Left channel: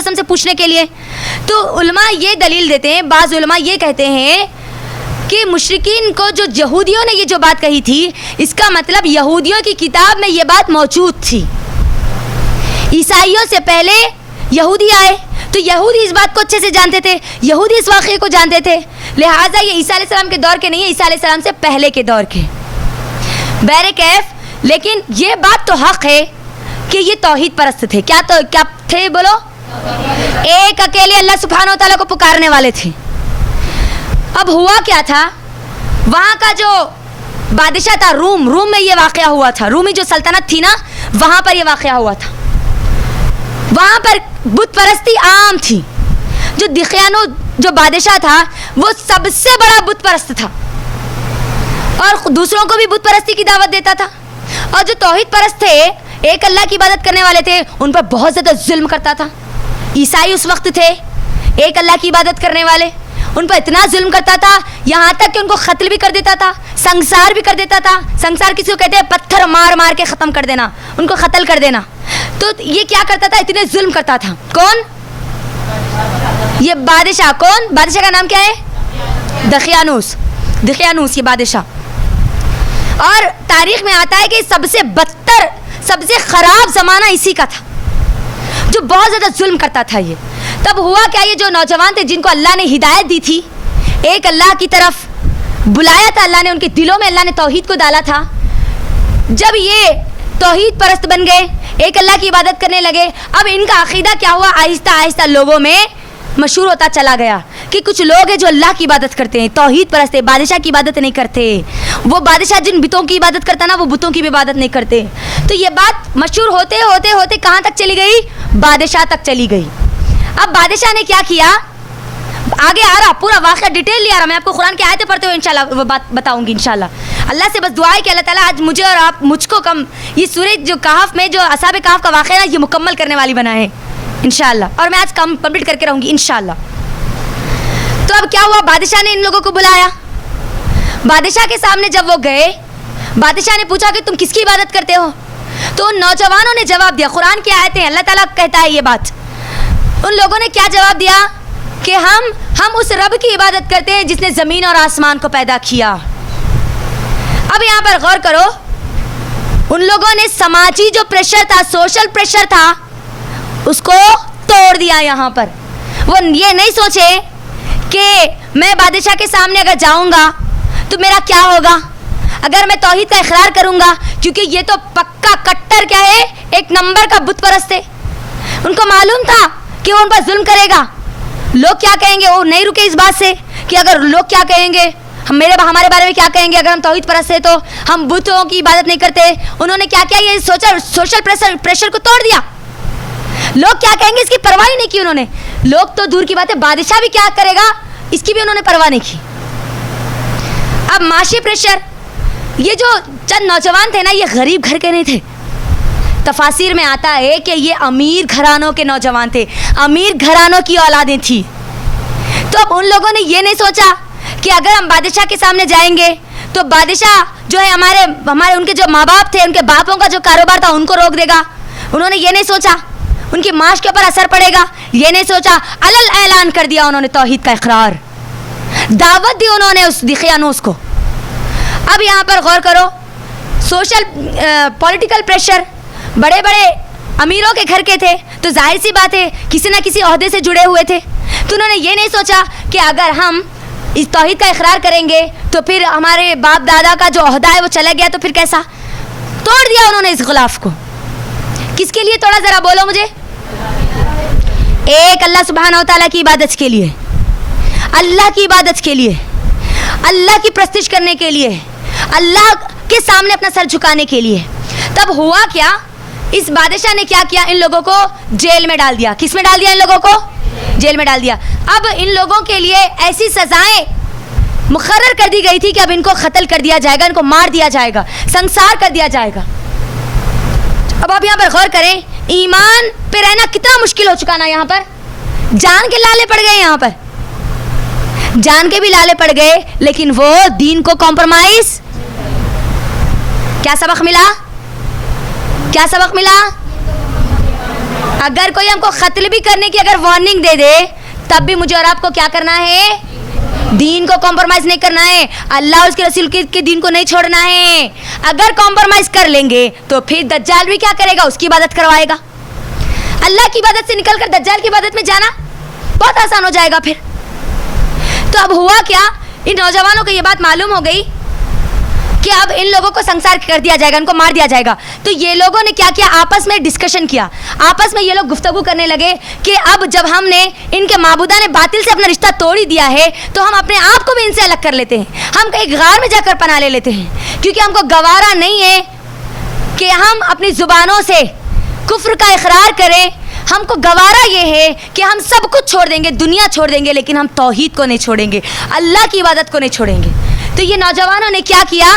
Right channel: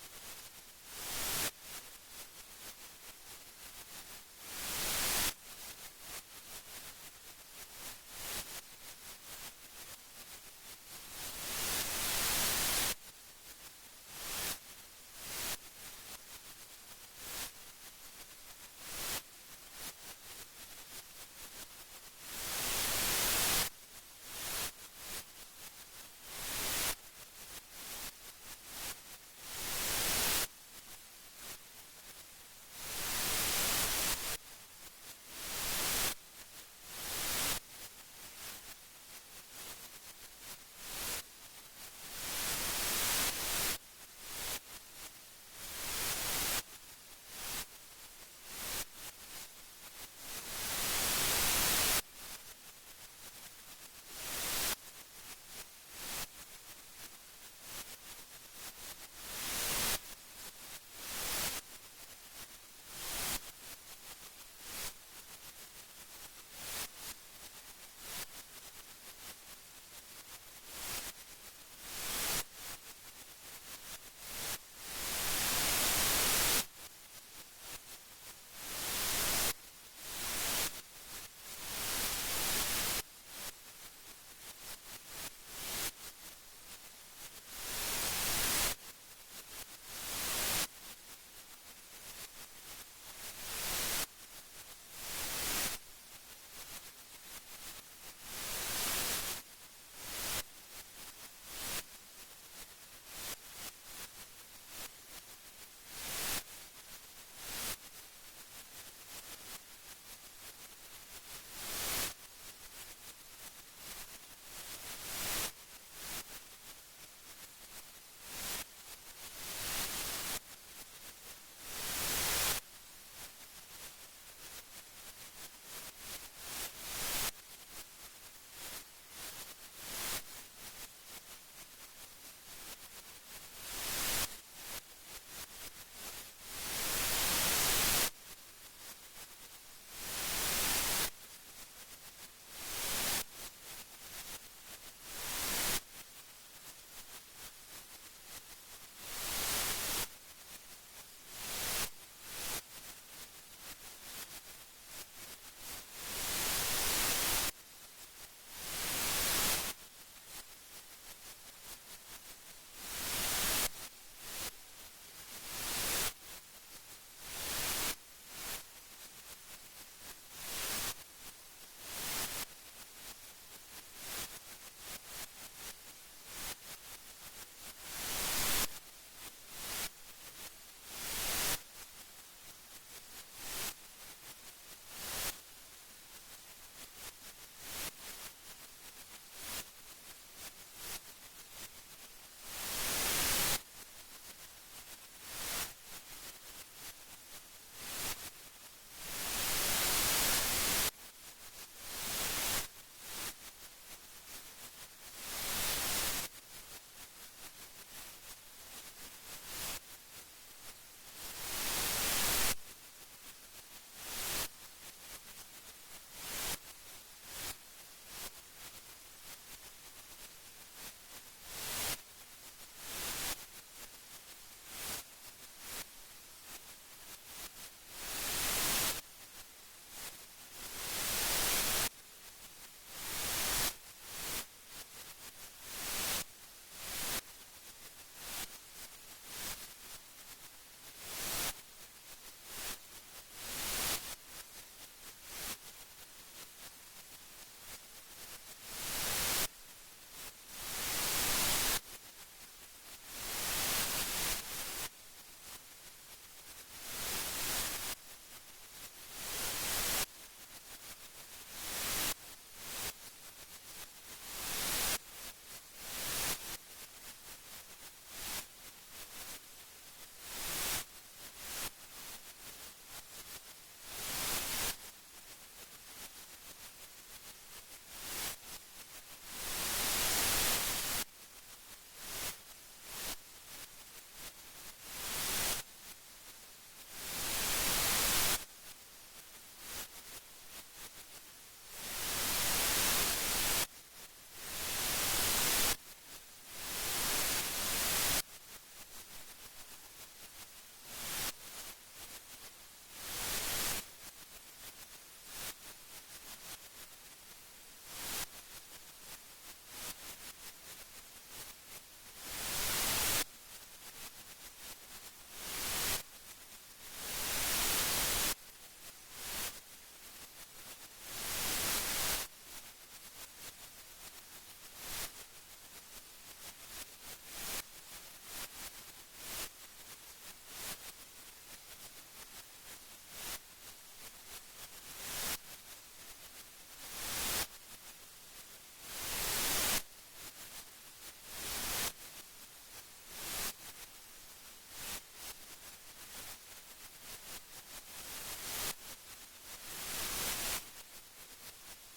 قسم سے پوچھنے کے لیے. تو علماء یہ دلیل دیتے ہیں, بعض علماء یہ کہتے ہیں کہ مشرکین کو جو یہودیوں نے یہ جو بات کہی تھی, اس کا مطلب یہودیوں کی کتاب میں یہ بات موجود تھی. عیسائیوں سے پہلے یہودی آئے تو یہودی اس بات کو اچھے سے جانتے تھے, یہودی اس واقعے کو جانتے تھے, لہٰذا یہ عیسیٰ علیہ السلام کے دور کے نہیں ہے, عیسیٰ علیہ السلام سے پہلے کے دور کے. بہرکیف لیکن یہ بات تو حق ہے کہ یہ توحید پرست تھے. کیا تھے بولو؟ ایک اکیلے اللہ سبحانہ و تعالیٰ کو پکارنے والے تھے. اب ہوا کیا تھا, وہاں کا جو بادشاہ تھا روم میں یہ واقعہ ہوا تھا. رومی جو سلطنت تھی نا, وہاں پر یہ واقعہ ہوا تھا. وہاں پر بت پرستی عام تھی. جو دقیانو جو بادشاہ تھا وہ سب سے بڑا بت پرست تھا اور دوسروں کو بھی بت پرستی کی دعوت دیتا تھا. اور جو توحید پرست تھے, ایک اللہ کی عبادت کرنے والے تھے, ان پر بہت زیادہ ظلم کرتا تھا. عیسائی اس وقت تھے ایک اللہ کی عبادت کرنے والے, ان پر اتنا ظلم کرتا تھا یہاں تک کہ ان کو قتل بھی کر دیتا تھا, سنسار بھی کر دیتا تھا. سنسار کسی کو کہتے ہیں پتھر مار مار کے ختم کر دینا, ان کو قتل کر دینا. تو یہ کیا کرتا تھا, اتنے ظلم کرتا تھا. کون؟ یہ بادشاہ. کون بادشاہ کا نام کیا ہے؟ دقیانوس یہ بادشاہ. اور تاریخ میں آتا ہے کہ سب سے بدتر سب سے خراب زمانہ اسی کا تھا, جو بہت زیادہ ظلم کرتا تھا. یہ تب ہوا کیا, یہ جو نوجوان تھے جن کو اللہ نے ہدایت دی تھی, ایک اللہ کی طرف بلایا تھا اللہ نے, ان کے دلوں میں اللہ نے توحید کو ڈالا تھا. جب یہ توحید پرست بن گئے, ایک اللہ کی عبادت کرنے لگے, اب ان کا عقیدہ کیا ہوا, آہستہ آہستہ لوگوں میں مشہور ہوتا چلا گیا کہ کچھ لوگ ہیں جو اللہ کی عبادت کرتے ہیں, توحید پرست ہیں, بادشاہ کی عبادت نہیں کرتے. وہ بادشاہ جن بتوں کی عبادت کرتا نا, وہ بتوں کی بھی عبادت نہیں کرتے. تو یہ بات مشہور ہوتے ہوتے ہوتے کہاں تک چلی گئی, بادشاہ تک چلی گئی. اب بادشاہ نے کیا کیا, آگے آ رہا پورا واقعہ ڈیٹیل لے آ رہا, میں آپ کو قرآن کی آیتیں پڑھتے ہوئے انشاءاللہ وہ بات بتاؤں گی انشاءاللہ. اللہ سے بس دعا ہے کہ اللہ تعالیٰ آج مجھے اور آپ مجھ کو یہ سورۃ جو کہف میں جو اصحاب کہف کا واقعہ ہے یہ مکمل کرنے والی بنائے انشاءاللہ, اور میں آج کمپلیٹ کر کے رہوں گی انشاءاللہ. تو اب کیا ہوا, بادشاہ نے ان لوگوں کو بلایا. بادشاہ کے سامنے جب وہ گئے, بادشاہ نے پوچھا کہ تم کس کی عبادت کرتے ہو. تو ان نوجوانوں نے جواب دیا, قرآن کی آیتیں ہیں, اللہ تعالیٰ کہتا ہے یہ بات. ان لوگوں نے کیا جواب دیا کہ ہم اس رب کی عبادت کرتے ہیں جس نے زمین اور آسمان کو پیدا کیا. اب یہاں پر غور کرو, ان لوگوں نے سماجی جو پریشر تھا, سوشل پریشر تھا, اس کو توڑ دیا. یہاں پر وہ یہ نہیں سوچے کہ میں بادشاہ کے سامنے اگر جاؤں گا تو میرا کیا ہوگا, اگر میں توحید کا اقرار کروں گا, کیونکہ یہ تو پکا کٹر کیا ہے, ایک نمبر کا بت پرست ہے. ان کو معلوم تھا کہ وہ ان پر ظلم کرے گا, لوگ کیا کہیں گے. وہ نہیں رکے اس بات سے کہ اگر لوگ کیا کہیں گے, ہمارے بارے میں کیا کہیں گے, اگر ہم توحید پرست ہیں تو ہم بتوں کی عبادت نہیں کرتے. انہوں نے کیا کیا, یہ سوشل پریشر کو توڑ دیا. لوگ کیا کہیں گے اس کی پرواہ نہیں کی انہوں نے. لوگ تو دور کی بات ہے, بادشاہ بھی کیا کرے گا اس کی بھی انہوں نے پرواہ نہیں کی. اب معاشی پریشر, یہ جو چند نوجوان تھے نا, یہ غریب گھر کے نہیں تھے. تفاسیر میں آتا ہے کہ یہ امیر گھرانوں کے نوجوان تھے, امیر گھرانوں کی اولادیں تھیں. تو اب ان لوگوں نے یہ نہیں سوچا کہ اگر ہم بادشاہ کے سامنے جائیں گے تو بادشاہ جو ہے ہمارے ان کے جو ماں باپ تھے, ان کے باپوں کا جو کاروبار تھا ان کو روک دے گا. انہوں نے یہ نہیں سوچا ان کی معاش کے اوپر اثر پڑے گا, یہ نہیں سوچا. علل اعلان کر دیا انہوں نے توحید کا اقرار, دعوت دی انہوں نے اس دقیانوس کو. اب یہاں پر غور کرو, سوشل پولیٹیکل پریشر, بڑے بڑے امیروں کے گھر کے تھے, تو ظاہر سی بات ہے کسی نہ کسی عہدے سے جڑے ہوئے تھے. تو انہوں نے یہ نہیں سوچا کہ اگر ہم اس توحید کا اقرار کریں گے تو پھر ہمارے باپ دادا کا جو عہدہ ہے وہ چلا گیا تو پھر کیسا. توڑ دیا انہوں نے اس غلاف کو. کس کے لیے توڑا, ذرا بولو مجھے. ایک اللہ سبحانہ و تعالیٰ کی عبادت کے لیے, اللہ کی عبادت کے لیے, اللہ کی پرستش کرنے کے لیے, اللہ کے سامنے اپنا سر جھکانے کے لیے. تب ہوا کیا, اس بادشاہ نے کیا کیا, ان لوگوں کو جیل میں ڈال دیا. کس میں ڈال دیا, ان لوگوں کو جیل میں ڈال دیا. اب ان لوگوں کے لیے ایسی سزائیں مقرر کر دی گئی تھی کہ اب ان کو قتل کر دیا جائے گا, ان کو مار دیا جائے گا, سنسار کر دیا جائے گا. اب آپ یہاں پر غور کریں, ایمان پہ رہنا کتنا مشکل ہو چکا نا. یہاں پر جان کے لالے پڑ گئے, یہاں پر جان کے بھی لالے پڑ گئے, لیکن وہ دین کو کمپرومائز. کیا سبق ملا, کیا سبق ملا, اگر کوئی ہم کو قتل بھی کرنے کی اگر وارننگ دے دے تب بھی مجھے اور آپ کو کیا کرنا ہے؟ دین کو کمپرومائز نہیں کرنا ہے، اللہ اور اس کے رسول کے دین کو نہیں چھوڑنا ہے۔ اگر کمپرومائز کر لیں گے تو پھر دجال بھی کیا کرے گا؟ اس کی عبادت کروائے گا۔ اللہ کی عبادت سے نکل کر دجال کی عبادت میں جانا بہت آسان ہو جائے گا پھر۔ تو اب ہوا کیا، ان نوجوانوں کو یہ بات معلوم ہو گئی کہ اب ان لوگوں کو سنسار کر دیا جائے گا، ان کو مار دیا جائے گا۔ تو یہ لوگوں نے کیا کیا، آپس میں ڈسکشن کیا، آپس میں یہ لوگ گفتگو کرنے لگے کہ اب جب ہم نے ان کے معبودہ نے باطل سے اپنا رشتہ توڑ ہی دیا ہے تو ہم اپنے آپ کو بھی ان سے الگ کر لیتے ہیں، ہم ایک غار میں جا کر پناہ لے لیتے ہیں، کیونکہ ہم کو گوارا نہیں ہے کہ ہم اپنی زبانوں سے کفر کا اقرار کریں، ہم کو گوارا یہ ہے کہ ہم سب کچھ چھوڑ دیں گے، دنیا چھوڑ دیں گے، لیکن ہم توحید کو نہیں چھوڑیں گے، اللہ کی عبادت کو نہیں چھوڑیں گے۔ تو یہ نوجوانوں نے کیا کیا،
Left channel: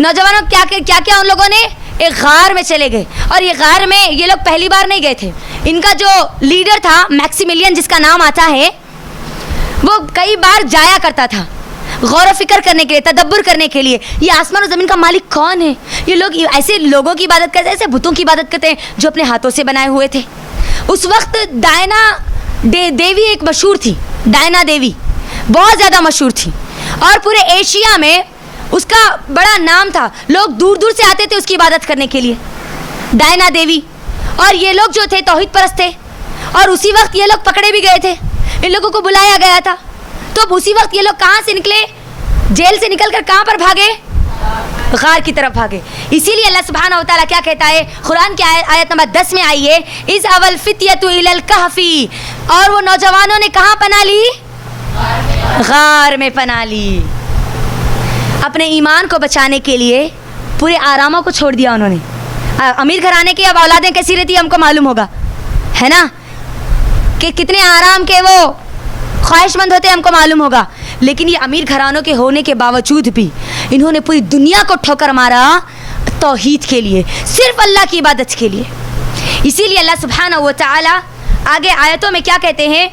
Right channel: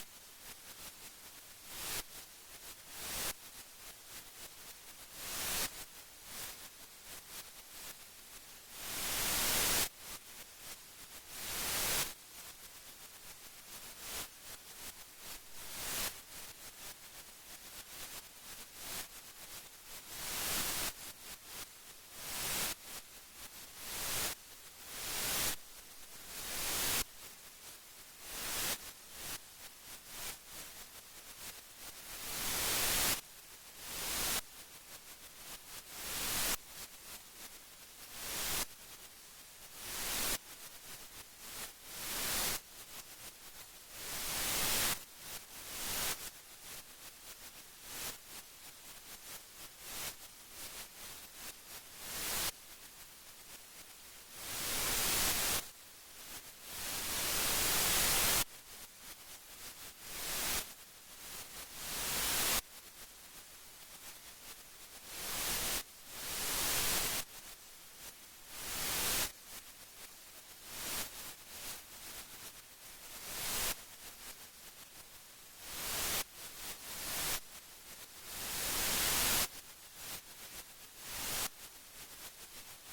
نوجوانوں کیا کیا ان لوگوں نے ایک غار میں چلے گئے، اور یہ غار میں یہ لوگ پہلی بار نہیں گئے تھے، ان کا جو لیڈر تھا میکسیملین جس کا نام آتا ہے، وہ کئی بار جایا کرتا تھا غور و فکر کرنے کے لیے، تدبر کرنے کے لیے، یہ آسمان و زمین کا مالک کون ہے۔ یہ لوگ ایسے لوگوں کی عبادت کرتے ہیں، ایسے بتوں کی عبادت کرتے ہیں جو اپنے ہاتھوں سے بنائے ہوئے تھے۔ اس وقت ڈائنا دیوی ایک مشہور تھی، ڈائنا دیوی بہت زیادہ مشہور تھی، اور پورے ایشیا میں اس کا بڑا نام تھا، لوگ دور دور سے آتے تھے اس کی عبادت کرنے کے لیے، ڈائنا دیوی۔ اور یہ لوگ جو تھے توحید پرست تھے، اور اسی وقت یہ لوگ پکڑے بھی گئے تھے، ان لوگوں کو بلایا گیا تھا۔ تو اب اسی وقت یہ لوگ کہاں سے نکلے، جیل سے نکل کر کہاں پر بھاگے؟ غار کی طرف بھاگے۔ اسی لیے اللہ سبحانہ و تعالیٰ کیا کہتا ہے قرآن کی آیت نمبر 10 میں آئی ہے، اذ اوى الفتية الى الكهف، اور وہ نوجوانوں نے کہاں پناہ لی؟ غار میں پناہ لی۔ اپنے ایمان کو بچانے کے لیے پورے آراموں کو چھوڑ دیا انہوں نے۔ امیر گھرانے کی اب اولادیں کیسی رہتی ہم کو معلوم ہوگا، ہے نا، کہ کتنے آرام کے وہ خواہش مند ہوتے ہم کو معلوم ہوگا، لیکن یہ امیر گھرانوں کے ہونے کے باوجود بھی انہوں نے پوری دنیا کو ٹھوکر مارا توحید کے لیے، صرف اللہ کی عبادت کے لیے۔ اسی لیے اللہ سبحانہ و تعالی آگے آیتوں میں کیا کہتے ہیں،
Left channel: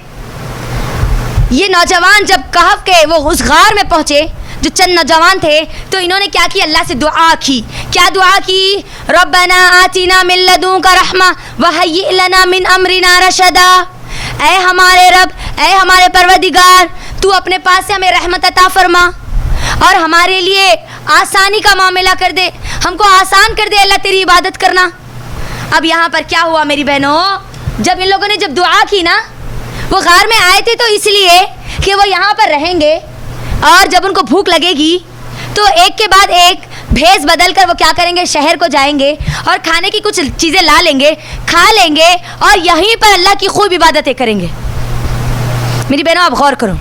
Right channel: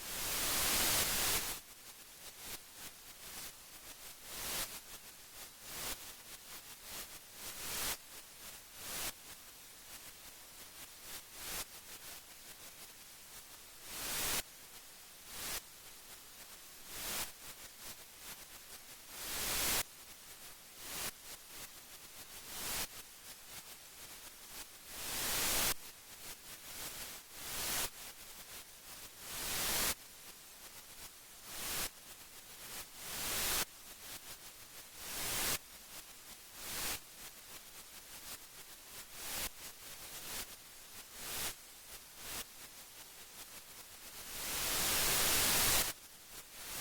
یہ نوجوان جب کہف کے وہ اس غار میں پہنچے، جو چند نوجوان تھے، تو انہوں نے کیا کیا، اللہ سے دعا کی۔ کیا دعا کی؟ ربنا آتنا من لدنک رحمہ وہیئ لنا من امرنا رشدا، اے ہمارے رب، اے ہمارے پروردگار، تو اپنے پاس سے ہمیں رحمت عطا فرما اور ہمارے لیے آسانی کا معاملہ کر دے، ہم کو آسان کر دے اللہ تیری عبادت کرنا۔ اب یہاں پر کیا ہوا میری بہنوں، جب ان لوگوں نے جب دعا کی نا، وہ غار میں آئے تھے تو اس لیے کہ وہ یہاں پر رہیں گے، اور جب ان کو بھوک لگے گی تو ایک کے بعد ایک بھیس بدل کر وہ کیا کریں گے، شہر کو جائیں گے اور کھانے کی کچھ چیزیں لا لیں گے، کھا لیں گے، اور یہیں پر اللہ کی خوب عبادتیں کریں گے۔ میری بہنوں آپ غور کرو،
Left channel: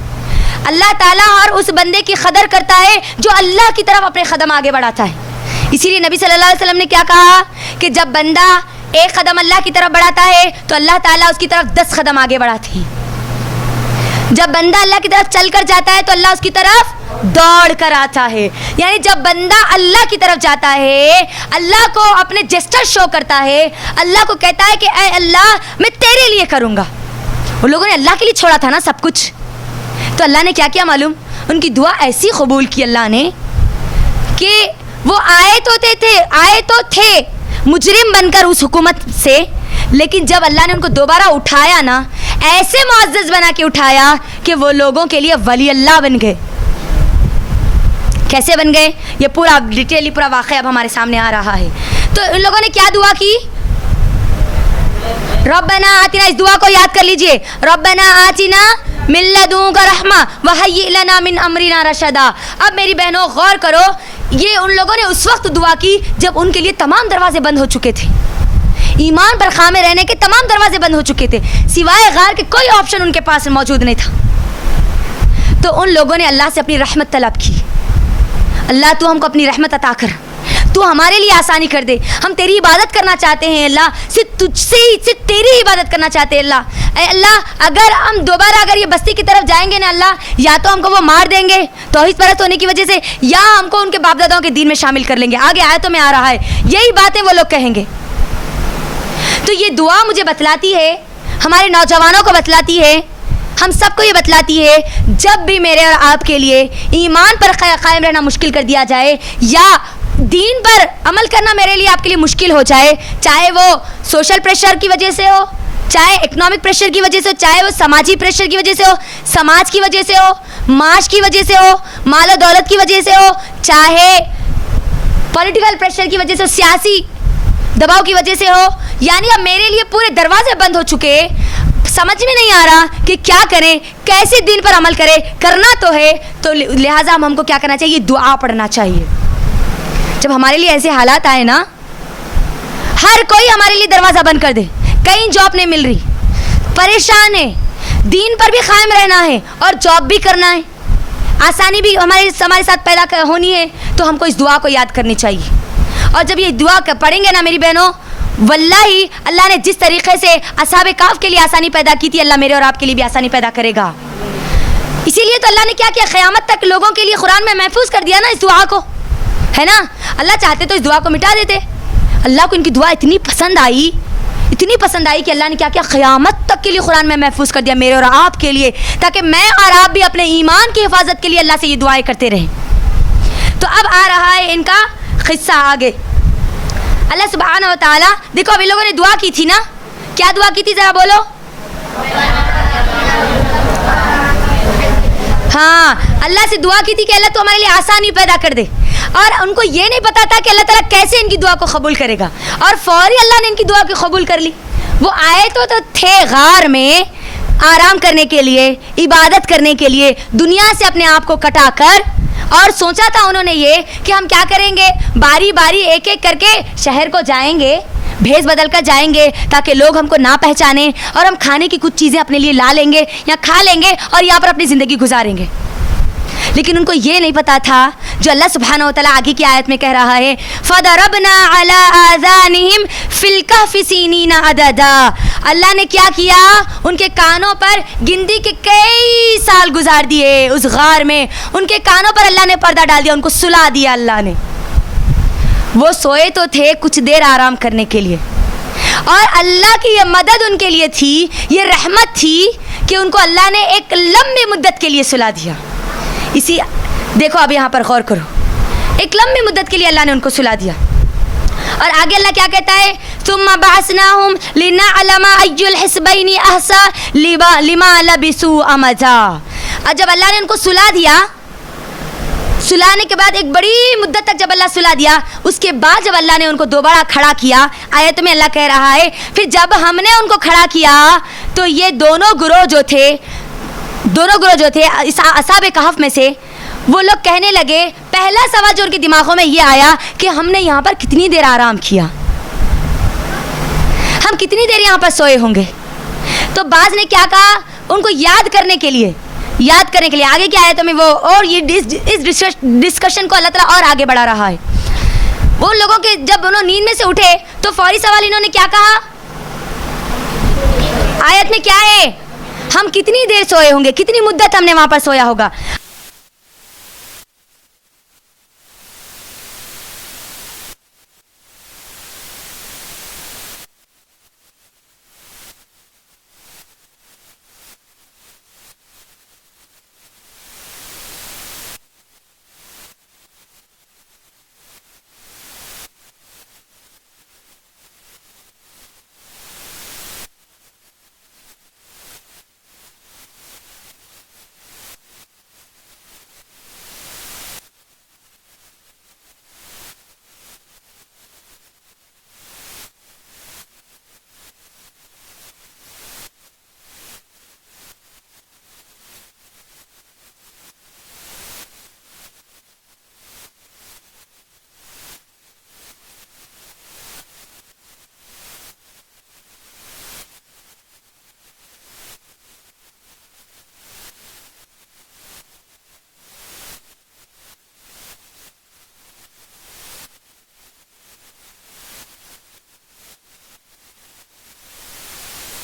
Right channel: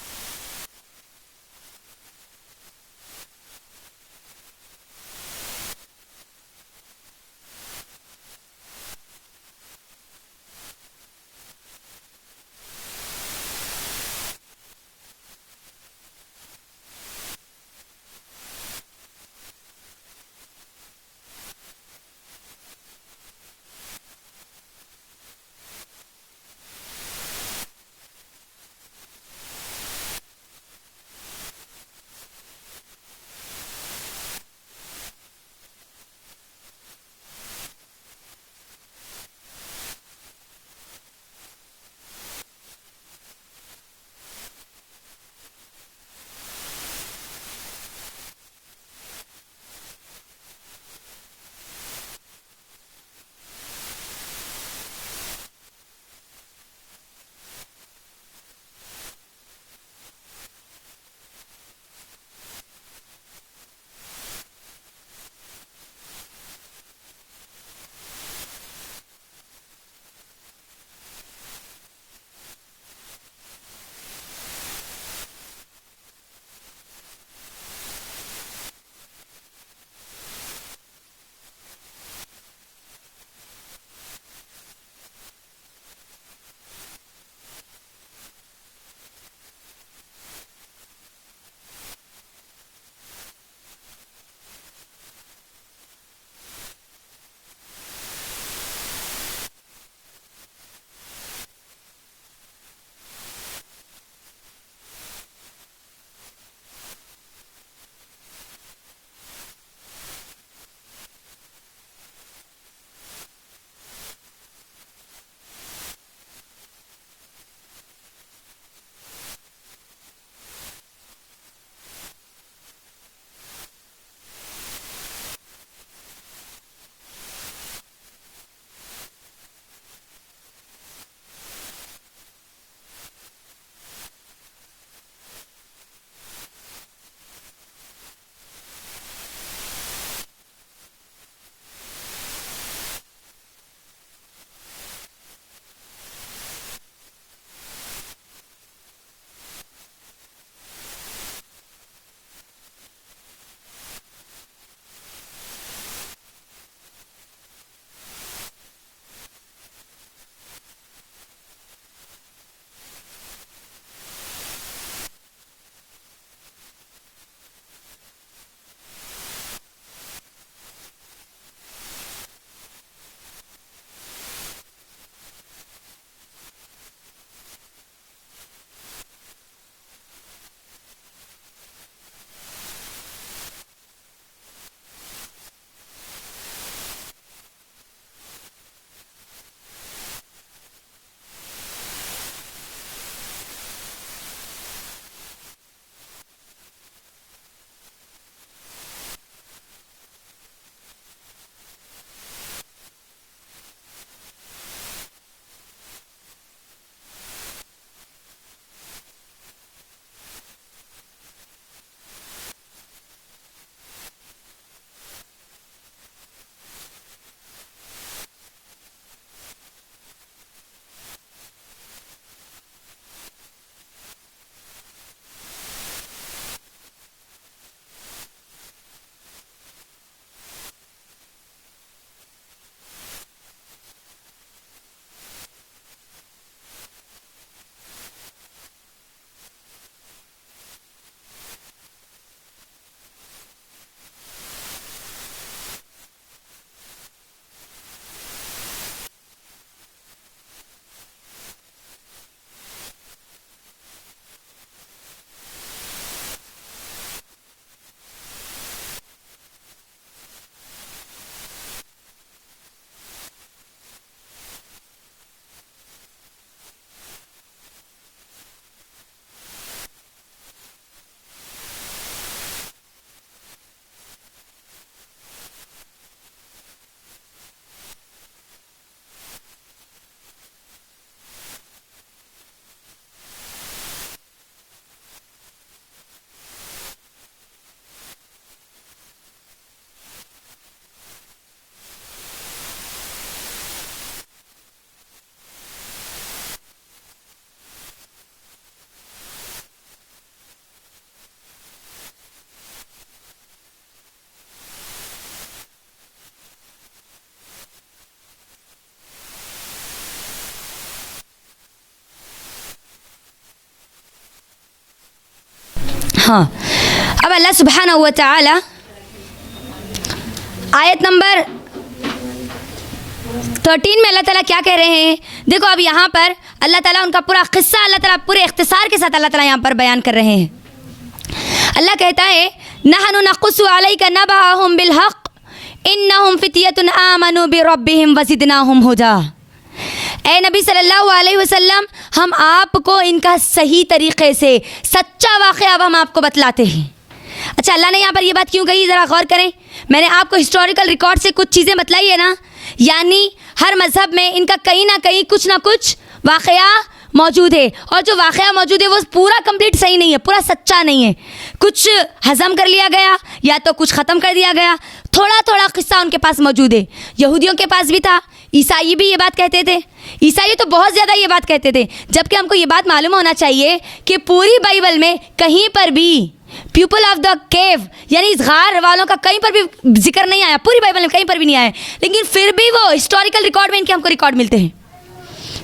اللہ تعالیٰ ہر اس بندے کی قدر کرتا ہے جو اللہ کی طرف اپنے قدم آگے بڑھاتا ہے۔ اسی لیے نبی صلی اللہ علیہ وسلم نے کیا کہا کہ جب بندہ ایک قدم اللہ کی طرف بڑھاتا ہے تو اللہ تعالیٰ اس کی طرف 10 قدم آگے بڑھاتے ہیں۔ جب بندہ اللہ کی طرف چل کر جاتا ہے تو اللہ اس کی طرف دوڑ کر آتا ہے۔ یعنی جب بندہ اللہ کی طرف جاتا ہے، اللہ کو اپنے جسٹر شو کرتا ہے، اللہ کو کہتا ہے کہ اے اللہ میں تیرے لیے کروں گا۔ ان لوگوں نے اللہ کے لیے چھوڑا تھا نا سب کچھ، تو اللہ نے کیا کیا معلوم، ان کی دعا ایسی قبول کی اللہ نے کہ وہ آئے تو تھے مجرم بن کر اس حکومت سے، لیکن جب اللہ نے ان کو دوبارہ اٹھایا نا، ایسے معزز بنا کے اٹھایا کہ وہ لوگوں کے لیے ولی اللہ بن گئے۔ کیسے بن گئے، یہ پورا ڈیٹیلی پورا واقعہ اب ہمارے سامنے آ رہا ہے۔ تو ان لوگوں نے کیا دعا کی، ربنا آتنا، اس دعا کو یاد کر لیجئے، ربنا آتنا من لدنک رحمہ وہیئ لنا من امرنا رشدا۔ اب میری بہنوں غور کرو، یہ ان لوگوں نے اس وقت دعا کی جب ان کے لیے تمام دروازے بند ہو چکے تھے، ایمان پر خامے رہنے کے تمام دروازے بند ہو چکے تھے، سوائے غار کے کوئی آپشن ان کے پاس موجود نہیں تھا۔ تو ان لوگوں نے اللہ سے اپنی رحمت طلب کی، اللہ تو ہم کو اپنی رحمت عطا کر، تو ہمارے لیے آسانی کر دے، ہم تیری عبادت کرنا چاہتے ہیں اللہ، صرف تجھ سے ہی، صرف تیری عبادت کرنا چاہتے ہیں اللہ۔ اے اللہ اگر ہم دوبارہ اگر یہ بستی کی طرف جائیں گے نا اللہ، یا تو ہم کو وہ مار دیں گے توحید پرست ہونے کی وجہ سے، یا ہم کو ان کے باپ داداؤں کے دین میں شامل کر لیں گے۔ آگے آیتوں میں آ رہا ہے یہی باتیں وہ لوگ کہیں گے۔ تو یہ دعا مجھے بتلاتی ہے، ہمارے نوجوانوں کو بتلاتی ہے، ہم سب کو یہ بتلاتی ہے، جب بھی میرے اور آپ کے لیے ایمان پر قائم رہنا مشکل کر دیا جائے، یا دین پر عمل کرنا میرے لیے آپ کے لیے مشکل ہو جائے، چاہے وہ سوشل پریشر کی وجہ سے ہو، چاہے اکنامک پریشر کی وجہ سے ہو، چاہے وہ سماجی پریشر کی وجہ سے ہو، سماج کی وجہ سے ہو، معاش کی وجہ سے ہو، مال و دولت کی وجہ سے ہو، چاہے پولیٹیکل پریشر کی وجہ سے ہو، سیاسی دباؤ کی وجہ سے ہو، یعنی اب میرے لیے پورے دروازے بند ہو چکے، سمجھ میں نہیں آ رہا کہ کیا کریں، کیسے دین پر عمل کریں، کرنا تو ہے تو لہٰذا ہم کو کیا کرنا چاہیے، دعا پڑھنا چاہیے. جب ہمارے لیے ایسے حالات آئے نا، ہر کوئی ہمارے لیے دروازہ بند کر دے، کہیں جاب نہیں مل رہی، پریشان ہے، دین پر بھی قائم رہنا ہے اور جاب بھی کرنا ہے، آسانی بھی ہمارے ساتھ پیدا ہونی ہے، تو ہم کو اس دعا کو یاد کرنی چاہیے. اور جب یہ دعا پڑھیں گے نا میری بہنوں، واللہ اللہ نے جس طریقے سے اصحاب کہف کے لیے آسانی پیدا کی تھی، اللہ میرے اور آپ کے لیے بھی آسانی پیدا کرے گا. اسی لیے تو اللہ نے کیا کیا، قیامت تک لوگوں کے لیے قرآن میں محفوظ کر دیا نا اس دعا کو، ہے نا. اللہ چاہتے تو اس دعا کو مٹا دیتے. اللہ کو ان کی دعا اتنی پسند آئی کہ اللہ نے کیا کیا، قیامت تک کے لیے قرآن میں محفوظ کر دیا میرے اور آپ کے لیے، تاکہ میں اور آپ بھی اپنے ایمان کی حفاظت کے لیے اللہ سے یہ دعائیں کرتے رہیں. تو اب آ رہا ہے ان کا قصہ آگے. اللہ سبحانہ و تعالیٰ، دیکھو ابھی لوگوں نے دعا کی تھی نا، کیا دعا کی تھی ذرا بولو. ہاں، اللہ سے دعا کی تھی کہ اللہ تو ہمارے لیے آسانی پیدا کر دے، اور ان کو یہ نہیں پتا تھا کہ اللہ تعالیٰ کیسے ان کی دعا کو قبول کرے گا، اور فوری اللہ نے ان کی دعا کو قبول کر لی. وہ آئے تو تھے غار میں آرام کرنے کے لیے، عبادت کرنے کے لیے، دنیا سے اپنے آپ کو کٹا کر، اور سوچا تھا انہوں نے یہ کہ ہم کیا کریں گے، باری باری ایک ایک کر کے شہر کو جائیں گے، بھیس بدل کر جائیں گے تاکہ لوگ ہم کو نہ پہچانیں، اور ہم کھانے کی کچھ چیزیں اپنے لیے لا لیں گے یا کھا لیں گے اور یہاں پر اپنی زندگی گزاریں گے. لیکن ان کو یہ نہیں پتا تھا جو اللہ سبحانہ و تعالیٰ آگے کی آیت میں کہہ رہا ہے، فَضَرَبْنَا عَلَىٰ آذَانِهِمْ فِي الْكَهْفِ سِنِينَ عَدَدًا. اللہ نے کیا کیا، ان کے کانوں پر گنتی کے کئی سال گزار دیے اس غار میں، ان کے کانوں پر اللہ نے پردہ ڈال دیا، ان کو سلا دیا اللہ نے. وہ سوئے تو تھے کچھ دیر آرام کرنے کے لیے، اور اللہ کی یہ مدد ان کے لیے تھی، یہ رحمت تھی کہ ان کو اللہ نے ایک لمبی مدت کے لیے سلا دیا. اسی دیکھو اب یہاں پر غور کرو، ایک لمبی مدت کے لیے اللہ نے ان کو سلا دیا. اور آگے اللہ کیا کہتا ہے، ثم بعثناہم لنعلم ای الحسبین احصی لما لبثوا امدا. اور جب اللہ نے ان کو سلا دیا، سلانے کے بعد ایک بڑی مدت تک جب اللہ سلا دیا، اس کے بعد جب اللہ نے ان کو دوبارہ کھڑا کیا، آیت میں اللہ کہہ رہا ہے پھر جب ہم نے ان کو کھڑا کیا تو یہ دونوں گروہ جو تھے اصحاب کہف میں سے، وہ لوگ کہنے لگے، پہلا سوال جو ان کے دماغوں میں یہ آیا کہ ہم نے یہاں پر کتنی دیر آرام کیا، ہم کتنی دیر یہاں پر سوئے ہوں گے. تو بعض نے کیا کہا، ان کو یاد کرنے کے لیے آگے کی آیتوں میں وہ اور یہ اس ڈسکشن کو اللہ تعالیٰ اور آگے بڑھا رہا ہے. وہ لوگوں کے جب انہوں نیند میں سے اٹھے تو فوری سوال انہوں نے کیا کہا، آیت میں کیا ہے، ہم کتنی دیر سوئے ہوں گے، کتنی مدت ہم نے وہاں پر سویا ہوگا. ہاں، اب اللہ سبحانہ و تعالی آیت نمبر 13 میں اللہ تعالیٰ کیا کہہ رہے ہیں، دیکھو اب یہاں پر اللہ تعالیٰ ان کا پورا قصہ اللہ تعالیٰ پورے اختصار کے ساتھ اللہ تعالیٰ یہاں پر بیان کر رہے ہیں. اللہ کہتا ہے، نحن نقص علیک نبأہم بالحق انہم فتیۃ آمنوا بربہم وزدناہم ہدی. اے نبی صلی اللہ علیہ وسلم، ہم آپ کو ان کا صحیح طریقے سے سچا واقعہ اب ہم آپ کو بتلاتے ہیں. اچھا، اللہ نے یہاں پر یہ بات کیوں کہی، ذرا غور کریں. میں نے آپ کو ہسٹوریکل ریکارڈ سے کچھ چیزیں بتلائی ہے نا، یعنی ہر مذہب میں ان کا کہیں نہ کہیں کچھ نہ کچھ واقعہ موجود ہے، اور جو واقعہ موجود ہے وہ پورا کمپلیٹ صحیح نہیں ہے، پورا سچا نہیں ہے. کچھ ہضم کر لیا گیا یا تو کچھ ختم کر دیا گیا، تھوڑا تھوڑا قصہ ان کے پاس موجود ہے. یہودیوں کے پاس بھی تھا، عیسائی بھی یہ بات کہتے تھے، عیسائی تو بہت زیادہ یہ بات کہتے تھے، جبکہ ہم کو یہ بات معلوم ہونا چاہیے کہ پوری بائبل میں کہیں پر بھی پیپل آف دا کیو یعنی اس غار والوں کا کہیں پر بھی ذکر نہیں آیا، پوری بائبل میں کہیں پر بھی نہیں آیا. لیکن پھر بھی وہ ہسٹوریکل ریکارڈ میں ان کے ہم کو ریکارڈ ملتے ہیں،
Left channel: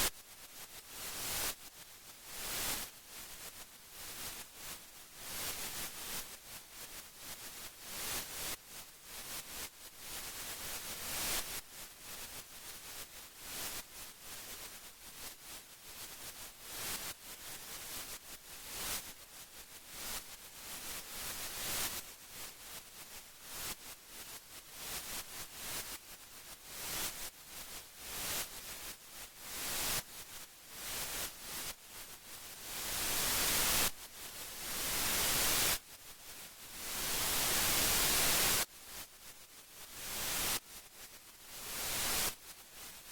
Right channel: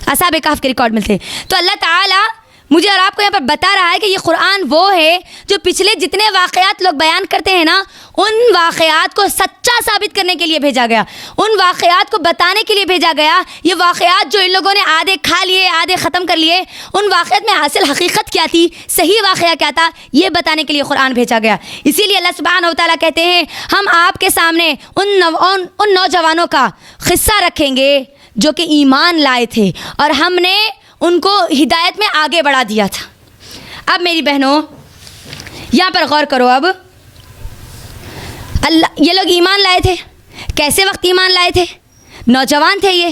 اصحاب کہف کے ریکارڈ ملتے ہیں. تو اللہ تعالیٰ مجھے اور آپ کو یہاں پر بتا رہا ہے کہ یہ قرآن وہ ہے جو پچھلے جتنے واقعات لوگ بیان کرتے ہیں نا، ان واقعات کو سچا ثابت کرنے کے لیے بھیجا گیا، ان واقعات کو بتانے کے لیے بھیجا گیا۔ یہ واقعات جو ان لوگوں نے آدھے کھا لیے، آدھے ختم کر لیے، ان واقعات میں حاصل حقیقت کیا تھی، صحیح واقعہ کیا تھا، یہ بتانے کے لیے قرآن بھیجا گیا۔ اسی لیے اللہ سبحانہ و تعالیٰ کہتے ہیں ہم آپ کے سامنے ان نوجوانوں کا قصہ رکھیں گے جو کہ ایمان لائے تھے اور ہم نے ان کو ہدایت میں آگے بڑھا دیا تھا۔ اب میری بہنوں یہاں پر غور کرو، اب اللہ یہ لوگ ایمان لائے تھے، کیسے وقت ایمان لائے تھے؟ نوجوان تھے یہ،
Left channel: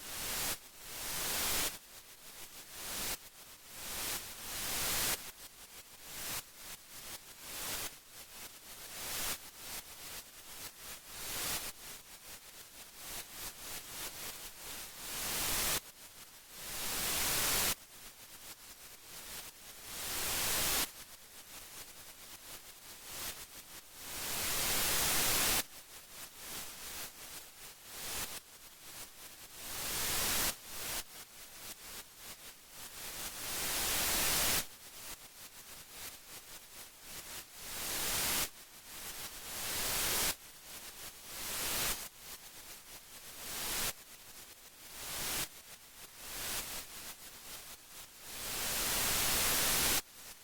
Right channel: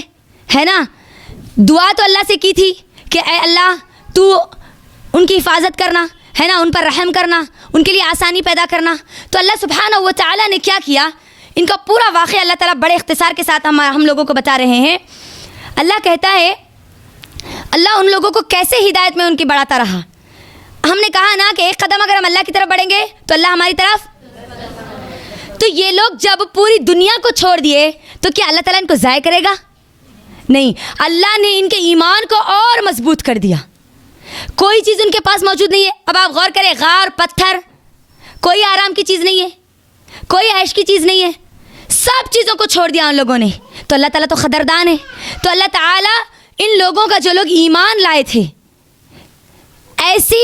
ہے نا؟ دعا تو اللہ سے کی تھی کہ اے اللہ تو ان کی حفاظت کرنا، ہے نا، ان پر رحم کرنا، ان کے لیے آسانی پیدا کرنا۔ تو اللہ سبحانہ و تعالیٰ نے کیا کیا؟ ان کا پورا واقعہ اللہ تعالیٰ بڑے اختصار کے ساتھ ہم لوگوں کو بتا رہے ہیں۔ اللہ کہتا ہے اللہ ان لوگوں کو کیسے ہدایت میں ان کی بڑھاتا رہا۔ ہم نے کہا نا کہ ایک قدم اگر ہم اللہ کی طرف بڑھیں گے تو اللہ ہماری طرف۔ تو یہ لوگ جب پوری دنیا کو چھوڑ دیے تو کیا اللہ تعالیٰ ان کو ضائع کرے گا؟ نہیں، اللہ نے ان کے ایمان کو اور مضبوط کر دیا۔ کوئی چیز ان کے پاس موجود نہیں ہے۔ اب آپ غور کریں، غار، پتھر، کوئی آرام کی چیز نہیں ہے، کوئی عیش کی چیز نہیں ہے، سب چیزوں کو چھوڑ دیا ان لوگوں نے۔ تو اللہ تعالیٰ تو قدردان ہے۔ تو اللہ تعالیٰ ان لوگوں کا جو لوگ ایمان لائے تھے، ایسی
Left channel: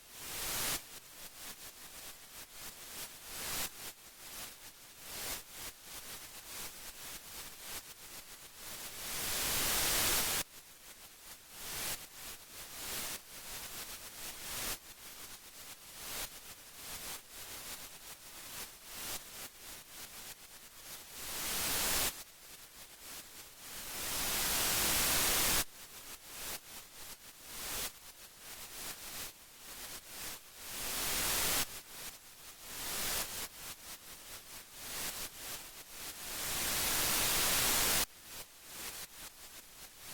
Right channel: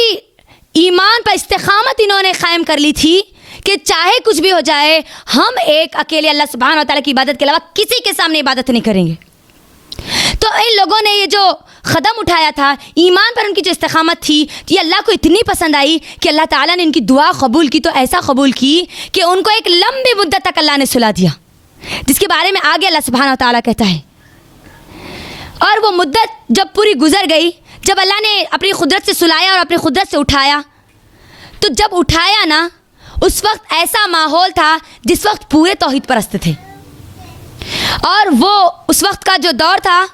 ایمان پر استقامت انہوں نے قائم کر لی تھی کہ چاہے کچھ بھی ہو جائے ہم ایک اکیلے اللہ سبحانہ و تعالیٰ کی عبادت کے علاوہ کسی کے سامنے عبادت نہیں کریں گے۔ تو ان لوگوں نے یہ جو قدم اٹھایا تھا، ایمان پر ان کی جو استقامت تھی، یہ اللہ کو اتنی پسند آئی کہ اللہ تعالیٰ نے ان کی دعا قبول کی، تو ایسا قبول کی کہ ان کو ایک لمبی مدت تک اللہ نے سلا دیا، جس کے بارے میں آگے اللہ سبحانہ و تعالیٰ کہتا ہے۔ اور وہ مدت جب پوری گزر گئی، جب اللہ نے اپنی قدرت سے سلایا اور اپنی قدرت سے اٹھایا، تو جب اٹھایا نا، اس وقت ایسا ماحول تھا جس وقت پورے توحید پرست تھے، اور وہ اس وقت کا جو دور تھا،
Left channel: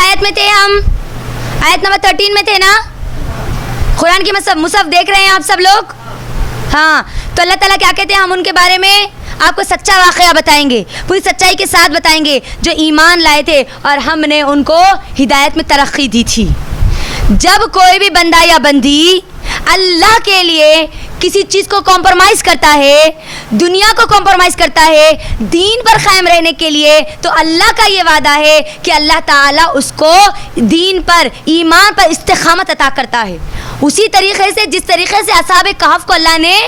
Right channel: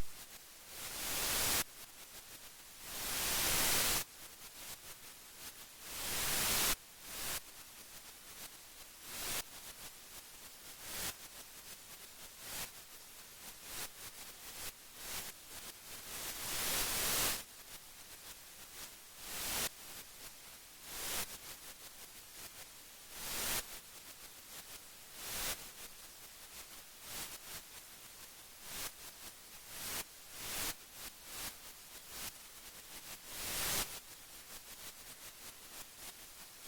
آیت میں تھے ہم، آیت نمبر 13 میں تھے نا، قرآن کی مصحف دیکھ رہے ہیں آپ سب لوگ؟ ہاں، تو اللہ تعالیٰ کیا کہتے ہیں؟ ہم ان کے بارے میں آپ کو سچا واقعہ بتائیں گے، پوری سچائی کے ساتھ بتائیں گے، جو ایمان لائے تھے اور ہم نے ان کو ہدایت میں ترقی دی تھی۔ جب کوئی بھی بندہ یا بندی اللہ کے لیے کسی چیز کو کمپرومائز کرتا ہے، دنیا کو کمپرومائز کرتا ہے دین پر قائم رہنے کے لیے، تو اللہ کا یہ وعدہ ہے کہ اللہ تعالیٰ اس کو دین پر، ایمان پر استقامت عطا کرتا ہے، اسی طریقے سے جس طریقے سے اصحاب کہف کو اللہ نے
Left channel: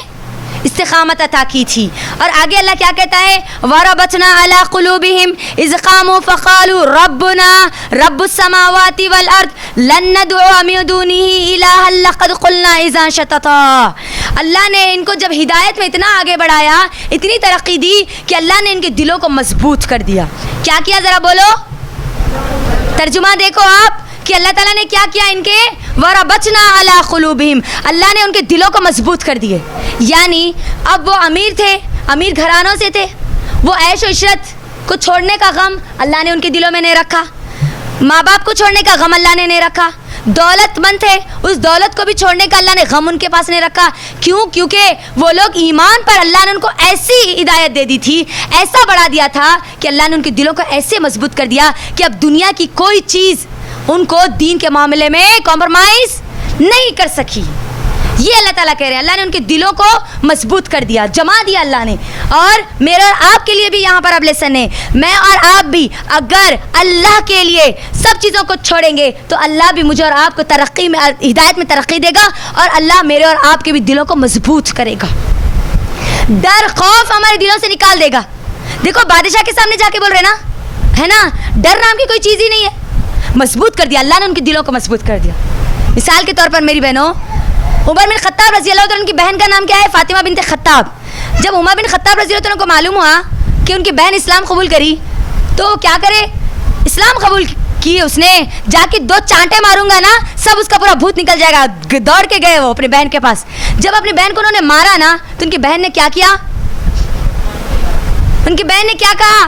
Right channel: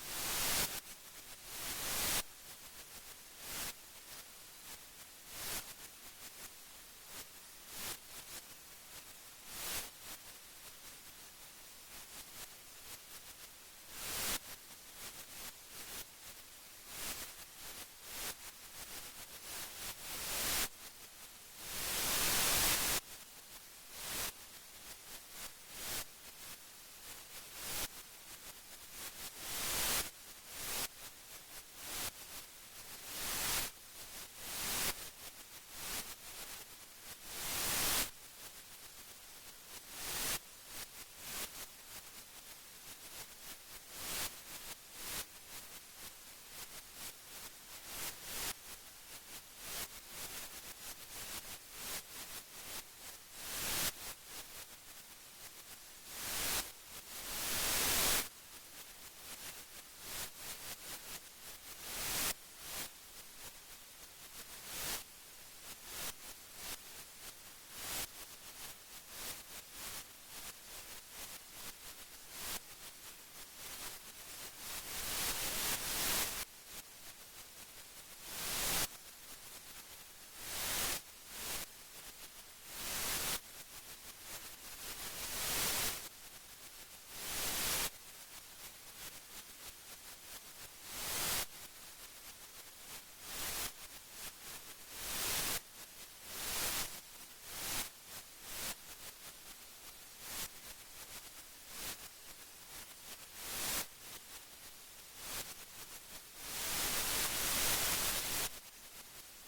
استقامت عطا کی تھی۔ اور آگے اللہ کیا کہتا ہے؟ وَرَبَطْنَا عَلَىٰ قُلُوبِهِمْ إِذْ قَامُوا فَقَالُوا رَبُّنَا رَبُّ السَّمَاوَاتِ وَالْأَرْضِ لَن نَّدْعُوَ مِن دُونِهِ إِلَٰهًا لَّقَدْ قُلْنَا إِذًا شَطَطًا۔ اللہ نے ان کو جب ہدایت میں اتنا آگے بڑھایا، اتنی ترقی دی کہ اللہ نے ان کے دلوں کو مضبوط کر دیا۔ کیا کیا؟ ذرا بولو، ترجمہ دیکھو آپ کہ اللہ تعالیٰ نے کیا کیا ان کے؟ وَرَبَطْنَا عَلَىٰ قُلُوبِهِمْ، اللہ نے ان کے دلوں کو مضبوط کر دیے۔ یعنی اب وہ امیر تھے، امیر گھرانوں سے تھے، وہ عیش و عشرت کو چھوڑنے کا غم اللہ نے ان کے دلوں میں نہیں رکھا، ماں باپ کو چھوڑنے کا غم اللہ نے نہیں رکھا، دولت مند تھے، اس دولت کو بھی چھوڑنے کا اللہ نے غم ان کے پاس نہیں رکھا۔ کیوں؟ کیونکہ وہ لوگ ایمان پر اللہ نے ان کو ایسی ہدایت دے دی تھی، ایسا بڑھا دیا تھا کہ اللہ نے ان کے دلوں کو ایسے مضبوط کر دیا کہ اب دنیا کی کوئی چیز ان کو دین کے معاملے میں کمپرومائز نہیں کر سکی۔ یہ اللہ تعالیٰ کہہ رہے ہیں، اللہ نے ان کے دلوں کو مضبوط کر دیا، جما دیا اللہ نے۔ اور میرے اور آپ کے لیے بھی یہاں پر اب لیسن ہے، میں اور آپ بھی اگر اللہ کے لیے سب چیزوں کو چھوڑیں گے تو اللہ بھی مجھے اور آپ کو ترقی میں، ہدایت میں ترقی دے گا، اور اللہ میرے اور آپ کے بھی دلوں کو مضبوط کرے گا، ڈر خوف ہمارے دلوں سے نکال دے گا۔ دیکھو بادشاہ کے سامنے جا کے بول رہے نا، ہے نا، ڈر نام کی کوئی چیز ہی نہیں ہے، مضبوط کر دیا اللہ نے، ان کے دلوں کو مضبوط کر دیا۔ مثال کے طور پر میری بہنوں، عمر بن خطاب رضی اللہ عنہ کی بہن کا نام کیا ہے؟ فاطمہ بنت خطاب۔ جب عمر بن خطاب رضی اللہ عنہ کو معلوم ہوا کہ ان کی بہن اسلام قبول کری تو کیا کرے؟ اسلام قبول کی، اس نے جا کے 2 چانٹے ماروں گا نا سب اس کا پورا بھوت نکل جائے گا۔ دوڑ کے گئے وہ اپنی بہن کے پاس۔ جب اپنی بہن کو انہوں نے مارا نا تو ان کی بہن نے کیا کیا؟ ان کی بہن نے کیا کہا؟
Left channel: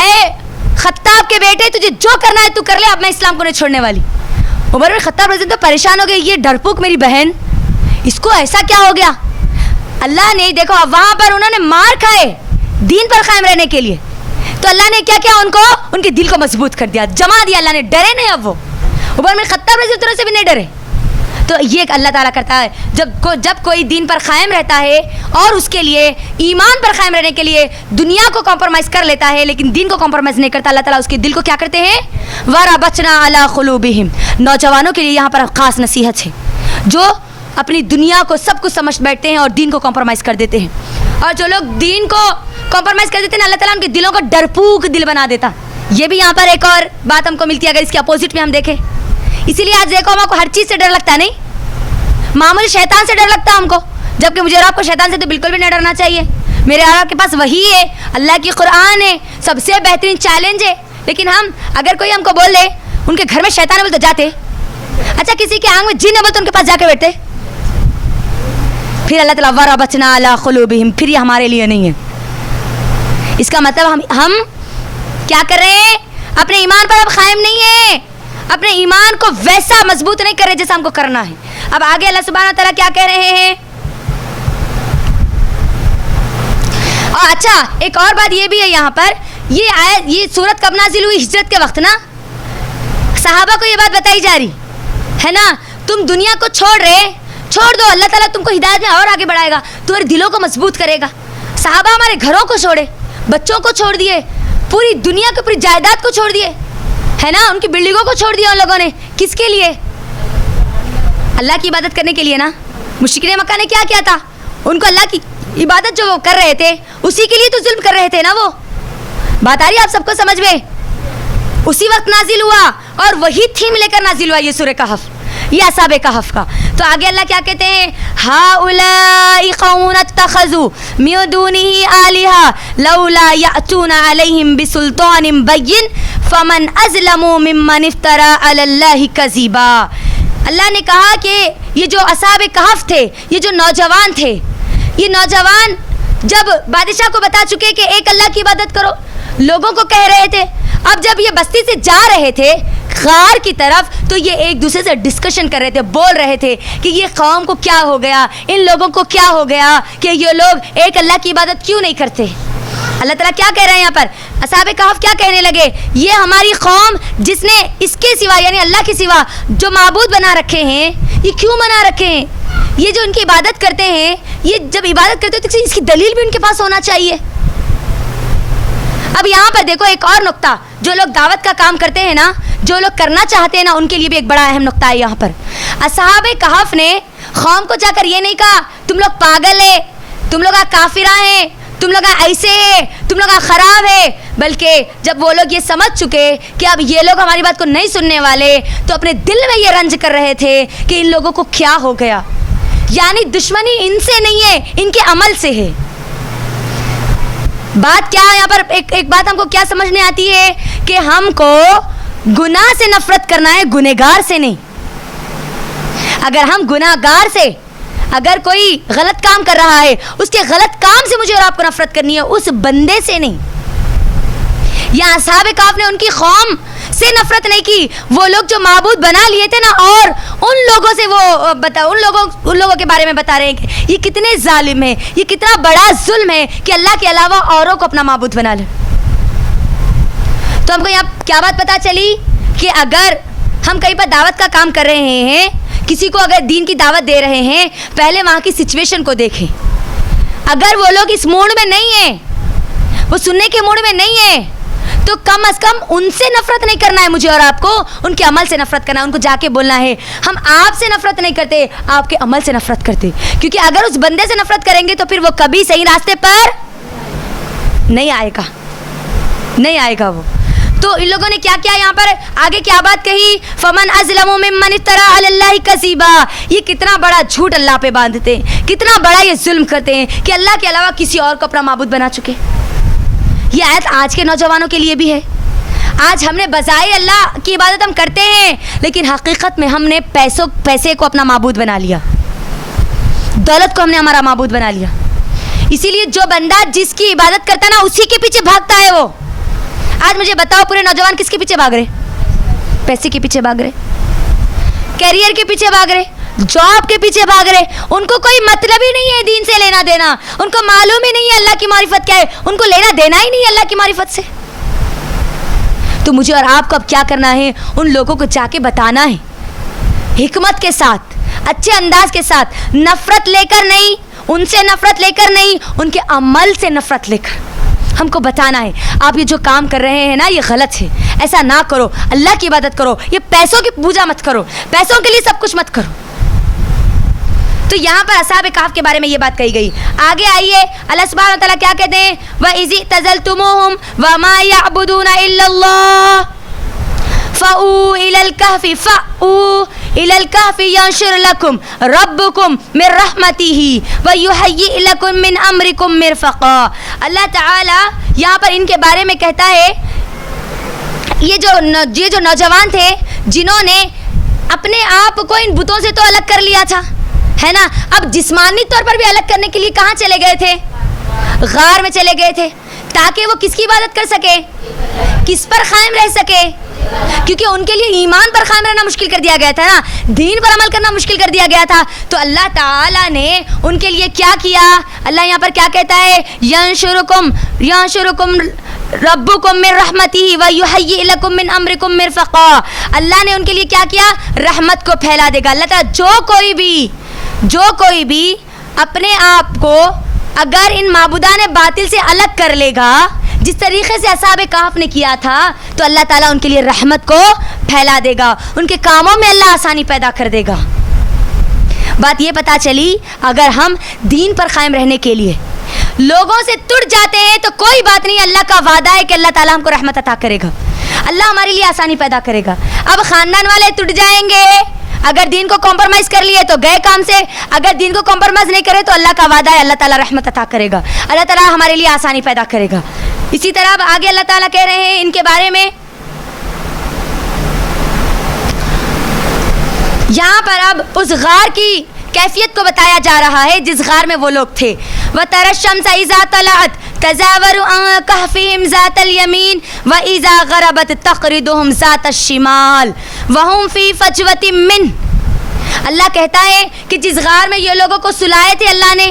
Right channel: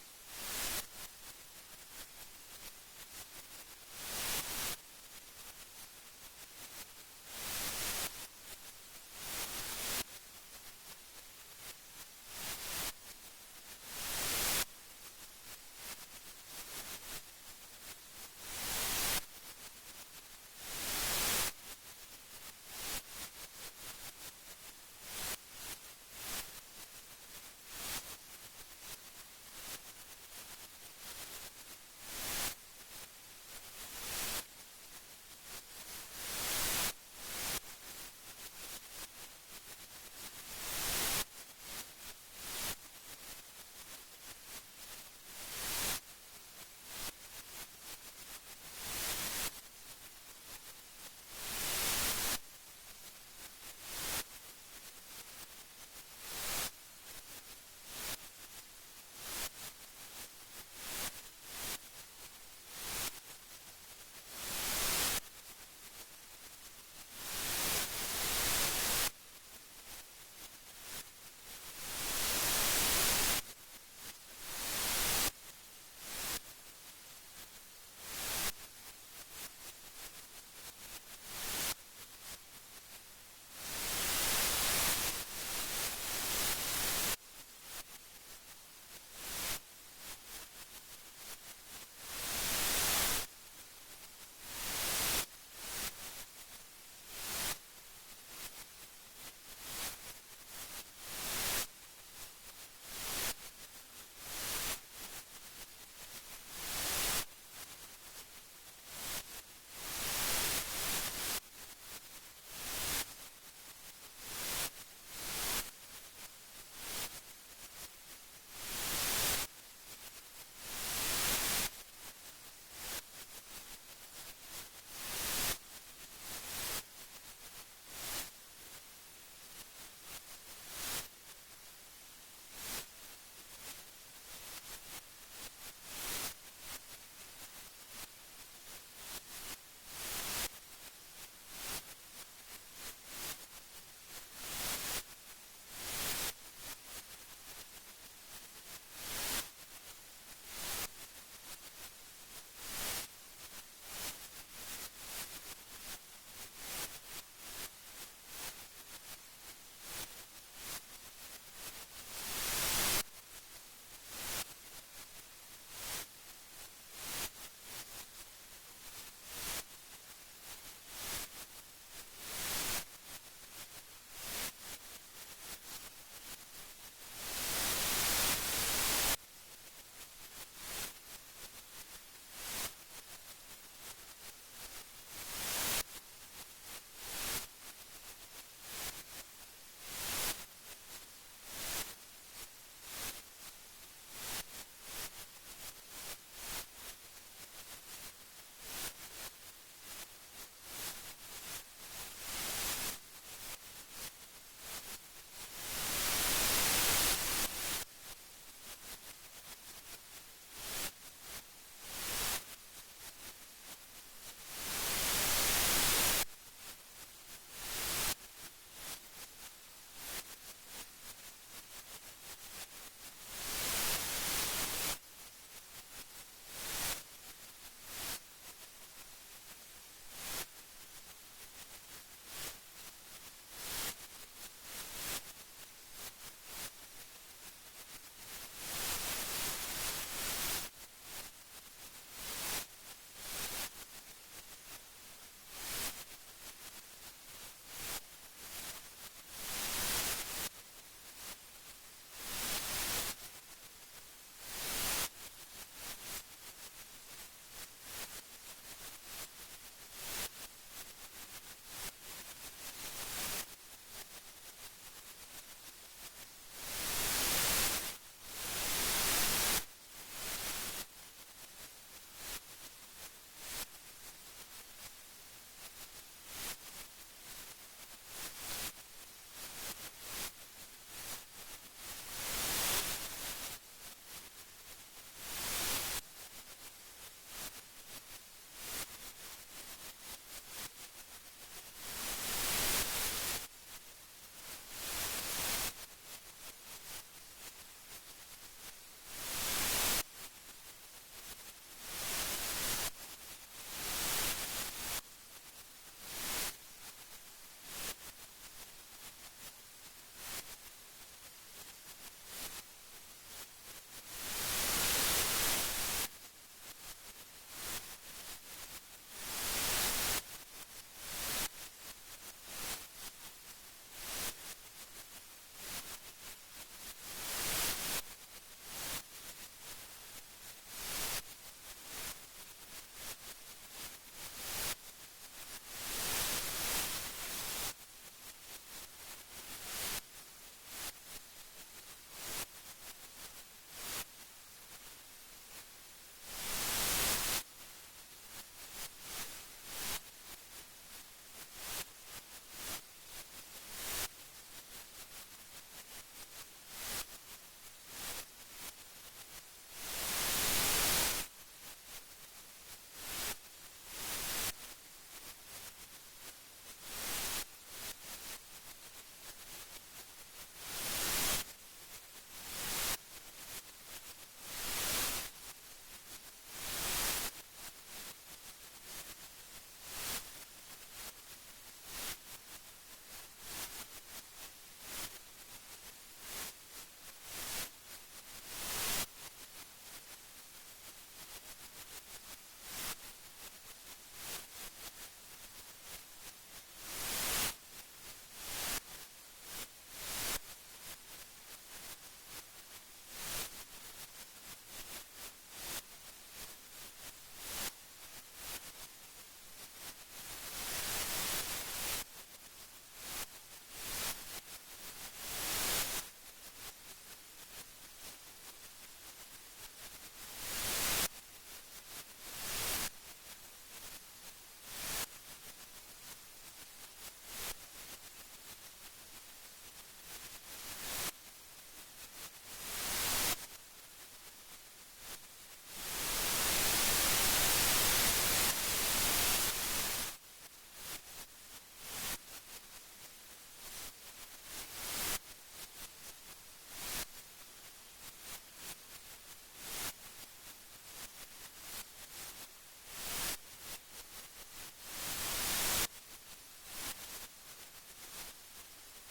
اے خطاب کے بیٹے، تجھے جو کرنا ہے تو کر لے، اب میں اسلام کو نہیں چھوڑنے والی۔ عمر بن خطاب رضی اللہ عنہ پریشان ہو گئے، یہ ڈرپوک میری بہن، اس کو ایسا کیا ہو گیا؟ اللہ نے دیکھو وہاں پر انہوں نے مار کھائے دین پر قائم رہنے کے لیے، تو اللہ نے کیا کیا ان کو ان کے دل کو مضبوط کر دیا, جما دیا اللہ نے, ڈرے نہیں اب وہ. عمر بن خطاب رضی اللہ عنہ سے بھی نہیں ڈرے. تو یہ اللہ تعالیٰ کرتا ہے جب کوئی دین پر قائم رہتا ہے اور اس کے لیے ایمان پر قائم رہنے کے لیے دنیا کو کمپرومائز کر لیتا ہے لیکن دین کو کمپرومائز نہیں کرتا, اللہ تعالیٰ اس کے دل کو کیا کرتے ہیں, وَرَبَطْنَا عَلَىٰ قُلُوبِهِمْ. نوجوانوں کے لیے یہاں پر خاص نصیحت ہے, جو اپنی دنیا کو سب کچھ سمجھ بیٹھتے ہیں اور دین کو کمپرومائز کر دیتے ہیں, اور جو لوگ دین کو کمپرومائز کر دیتے ہیں اللہ تعالیٰ ان کے دلوں کو ڈرپوک دل بنا دیتا. یہ بھی یہاں پر ایک اور بات ہم کو ملتی ہے اگر اس کے اپوزٹ میں ہم دیکھیں. اسی لیے آج دیکھو ہم کو ہر چیز سے ڈر لگتا ہے, نہیں معمولی شیطان سے ڈر لگتا ہے ہم کو, جبکہ مجھے اور آپ کو شیطان سے تو بالکل بھی نہیں ڈرنا چاہیے. میرے اور آپ کے پاس وہی ہے, اللہ کی قرآن ہے, سب سے بہترین چیلنج ہے, لیکن ہم اگر کوئی ہم کو بول دے ان کے گھر میں شیطان ہے بول تو جاتے. اچھا کسی کے آنکھ میں جن ہے بول تو ان کے پاس جا کے بیٹھتے. پھر اللہ تعالیٰ وَرَبَطْنَا عَلَىٰ قُلُوبِهِمْ, پھر یہ ہمارے لیے نہیں ہے. اس کا مطلب ہم کیا کر رہے ہیں, اپنے ایمان پر اب قائم نہیں ہیں, اپنے ایمان کو ویسا مضبوط نہیں کر رہے جیسا ہم کو کرنا ہے. اب آگے اللہ سبحانہ و تعالیٰ کیا کہہ رہے ہیں. اور اچھا ایک اور بات یہ بھی ہے یہاں پر, یہ سورت کب نازل ہوئی, ہجرت کے وقت نا. صحابہ کو یہ بات بتائی جا رہی ہے نا, تم دنیا کو چھوڑ دو, اللہ تعالیٰ تم کو ہدایت میں اور آگے بڑھائے گا, تمہارے دلوں کو مضبوط کرے گا. صحابہ ہمارے گھروں کو چھوڑے, بچوں کو چھوڑ دیے, پوری دنیا کو, پوری جائیداد کو چھوڑ دیے, ہے نا, ان کی بلڈنگوں کو چھوڑ دیا ان لوگوں نے. کس کے لیے, اللہ کی عبادت کرنے کے لیے نا. مشرکین مکہ نے کیا کیا تھا, ان کو اللہ کی عبادت جو وہ کر رہے تھے اسی کے لیے تو ظلم کر رہے تھے نا. وہ بات آ رہی ہے آپ سب کو سمجھ میں. اسی وقت نازل ہوا اور وہی تھیم لے کر نازل ہوا یہ سورہ کہف, یہ اصحاب کہف کا. تو آگے اللہ کیا کہتے ہیں, هَؤُلَاءِ قَوْمٌ اتَّخَذُوا مِن دُونِهِ آلِهَةً لَوْلَا يَأْتُونَ عَلَيْهِمْ بِسُلْطَانٍ بَيِّنٍ فَمَنْ أَظْلَمُ مِمَّنِ افْتَرَىٰ عَلَى اللَّهِ كَذِبًا. اللہ نے کہا کہ یہ جو اصحاب کہف تھے, یہ جو نوجوان تھے, یہ نوجوان جب بادشاہ کو بتا چکے کہ ایک اللہ کی عبادت کرو, لوگوں کو کہہ رہے تھے, اب جب یہ بستی سے جا رہے تھے غار کی طرف تو یہ ایک دوسرے سے ڈسکشن کر رہے تھے, بول رہے تھے کہ یہ قوم کو کیا ہو گیا, ان لوگوں کو کیا ہو گیا کہ یہ لوگ ایک اللہ کی عبادت کیوں نہیں کرتے. اللہ تعالیٰ کیا کہہ رہے ہیں یہاں پر, اصحاب کہف کیا کہنے لگے, یہ ہماری قوم جس نے اس کے سوا یعنی اللہ کے سوا جو معبود بنا رکھے ہیں, یہ کیوں بنا رکھے ہیں, یہ جو ان کی عبادت کرتے ہیں, یہ جب عبادت کرتے ہیں تو اس کی دلیل بھی ان کے پاس ہونا چاہیے. اب یہاں پر دیکھو ایک اور نقطہ, جو لوگ دعوت کا کام کرتے ہیں نا, جو لوگ کرنا چاہتے ہیں نا, ان کے لیے بھی ایک بڑا اہم نقطہ ہے یہاں پر. اصحاب کہف نے قوم کو جا کر یہ نہیں کہا تم لوگ پاگل ہے, تم لوگ کافرہ ہیں, تم لوگ ایسے ہیں, تم لوگ خراب ہے, بلکہ جب وہ لوگ یہ سمجھ چکے کہ اب یہ لوگ ہماری بات کو نہیں سننے والے تو اپنے دل میں یہ رنج کر رہے تھے کہ ان لوگوں کو کیا ہو گیا. یعنی دشمنی ان سے نہیں ہے, ان کے عمل سے ہے. بات کیا ہے یہاں پر, ایک بات ہم کو کیا سمجھنے آتی ہے کہ ہم کو گناہ سے نفرت کرنا ہے, گنہگار سے نہیں. اگر ہم گنہگار سے, اگر کوئی غلط کام کر رہا ہے اس کے غلط کام سے مجھے اور آپ کو نفرت کرنی ہے, اس بندے سے نہیں. یہاں اصحاب کہف نے ان کی قوم سے نفرت نہیں کی, وہ لوگ جو معبود بنا لیے تھے نا, اور ان لوگوں سے وہ ان لوگوں کے بارے میں بتا رہے ہیں کہ یہ کتنے ظالم ہیں, یہ کتنا بڑا ظلم ہے کہ اللہ کے علاوہ اوروں کو اپنا معبود بنا لے. تو ہم کو یہاں کیا بات پتہ چلی کہ اگر ہم کہیں پر دعوت کا کام کر رہے ہیں, کسی کو اگر دین کی دعوت دے رہے ہیں, پہلے وہاں کی سچویشن کو دیکھیں. اگر وہ لوگ اس موڈ میں نہیں ہیں, وہ سننے کے موڈ میں نہیں ہیں, تو کم از کم ان سے نفرت نہیں کرنا ہے مجھے اور آپ کو, ان کے عمل سے نفرت کرنا ہے. ان کو جا کے بولنا ہے ہم آپ سے نفرت نہیں کرتے, آپ کے عمل سے نفرت کرتے. کیونکہ اگر اس بندے سے نفرت کریں گے تو پھر وہ کبھی صحیح راستے پر نہیں آئے گا وہ. تو ان لوگوں نے کیا کیا یہاں پر آگے کیا بات کہی, فمن ازلم ممن افترى علی اللہ کذبا. یہ کتنا بڑا جھوٹ اللہ پہ باندھتے ہیں, کتنا بڑا یہ ظلم کرتے ہیں کہ اللہ کے علاوہ کسی اور کو اپنا معبود بنا چکے. یہ آیت آج کے نوجوانوں کے لیے بھی ہے. آج ہم نے بظاہر اللہ کی عبادت ہم کرتے ہیں, لیکن حقیقت میں ہم نے پیسے کو اپنا معبود بنا لیا, دولت کو ہم نے ہمارا معبود بنا لیا. اسی لیے جو بندہ جس کی عبادت کرتا ہے نا, اسی کے پیچھے بھاگتا ہے وہ. آج مجھے بتاؤ پورے نوجوان کس کے پیچھے بھاگ رہے, پیسے کے پیچھے بھاگ رہے, کیریئر کے پیچھے بھاگ رہے, جاب کے پیچھے بھاگ رہے. ان کو کوئی مطلب ہی نہیں ہے دین سے لینا دینا, ان کو معلوم ہی نہیں ہے اللہ کی معرفت کیا ہے, ان کو لینا دینا ہی نہیں ہے اللہ کی معرفت سے. تو مجھے اور آپ کو اب کیا کرنا ہے؟ ان لوگوں کو جا کے بتانا ہے، حکمت کے ساتھ، اچھے انداز کے ساتھ، نفرت لے کر نہیں، ان سے نفرت لے کر نہیں، ان کے عمل سے نفرت لے کر ہم کو بتانا ہے آپ یہ جو کام کر رہے ہیں نا یہ غلط ہے، ایسا نہ کرو، اللہ کی عبادت کرو، یہ پیسوں کی پوجا مت کرو، پیسوں کے لیے سب کچھ مت کرو۔ تو یہاں پر اصحاب کہف کے بارے میں یہ بات کہی گئی۔ آگے آئیے اللہ سبحانہ وتعالیٰ کیا کہتے ہیں، وَإِذِ اعْتَزَلْتُمُوهُمْ وَمَا يَعْبُدُونَ إِلَّا اللَّهَ فَأْوُوا إِلَى الْكَهْفِ يَنشُرْ لَكُمْ رَبُّكُمْ مِنْ رَحْمَتِهِ وَيُهَيِّئْ لَكُمْ مِنْ أَمْرِكُمْ مِرْفَقًا۔ اللہ تعالیٰ یہاں پر ان کے بارے میں کہتا ہے یہ جو نوجوان تھے جنہوں نے اپنے آپ کو ان بتوں سے تو الگ کر لیا تھا، ہے نا، اب جسمانی طور پر بھی الگ کرنے کے لیے کہاں چلے گئے تھے؟ غار میں چلے گئے تھے، تاکہ وہ کس کی عبادت کر سکے؟ کس پر قائم رہ سکے؟ کیونکہ ان کے لیے ایمان پر قائم رہنا مشکل کر دیا گیا تھا نا، دین پر عمل کرنا مشکل کر دیا گیا تھا۔ تو اللہ تعالیٰ نے ان کے لیے کیا کیا؟ اللہ یہاں پر کیا کہتا ہے، ینشرکم ربکم من رحمتہ ویہیئ لکم من امرکم مرفقا۔ اللہ نے ان کے لیے کیا کیا؟ رحمت کو پھیلا دے گا۔ اللہ تعالیٰ جو کوئی بھی اپنے آپ کو اگر ان معبودان باطل سے الگ کر لے گا جس طریقے سے اصحاب کہف نے کیا تھا، تو اللہ تعالیٰ ان کے لیے رحمت کو پھیلا دے گا، ان کے کاموں میں اللہ آسانی پیدا کر دے گا۔ بات یہ پتہ چلی اگر ہم دین پر قائم رہنے کے لیے لوگوں سے ٹوٹ جاتے ہیں تو کوئی بات نہیں، اللہ کا وعدہ ہے کہ اللہ تعالیٰ ہم کو رحمت عطا کرے گا، اللہ ہمارے لیے آسانی پیدا کرے گا۔ اب خاندان والے ٹوٹ جائیں گے، اگر دین کو کمپرومائز کر لیے تو گئے کام سے، اگر دین کو کمپرومائز نہیں کرے تو اللہ کا وعدہ ہے اللہ تعالیٰ رحمت عطا کرے گا، اللہ تعالیٰ ہمارے لیے آسانی پیدا کرے گا۔ اسی طرح اب آگے اللہ تعالیٰ کہہ رہے ہیں ان کے بارے میں، یہاں پر اب اس غار کی کیفیت کو بتایا جا رہا ہے جس غار میں وہ لوگ تھے۔ وَتَرَى الشَّمْسَ إِذَا طَلَعَتْ تَزَاوَرُ عَنْ كَهْفِهِمْ ذَاتَ الْيَمِينِ وَإِذَا غَرَبَتْ تَقْرِضُهُمْ ذَاتَ الشِّمَالِ وَهُمْ فِي فَجْوَةٍ مِّنْهُ۔ اللہ کہتا ہے کہ جس غار میں یہ لوگوں کو سلائے تھے اللہ نے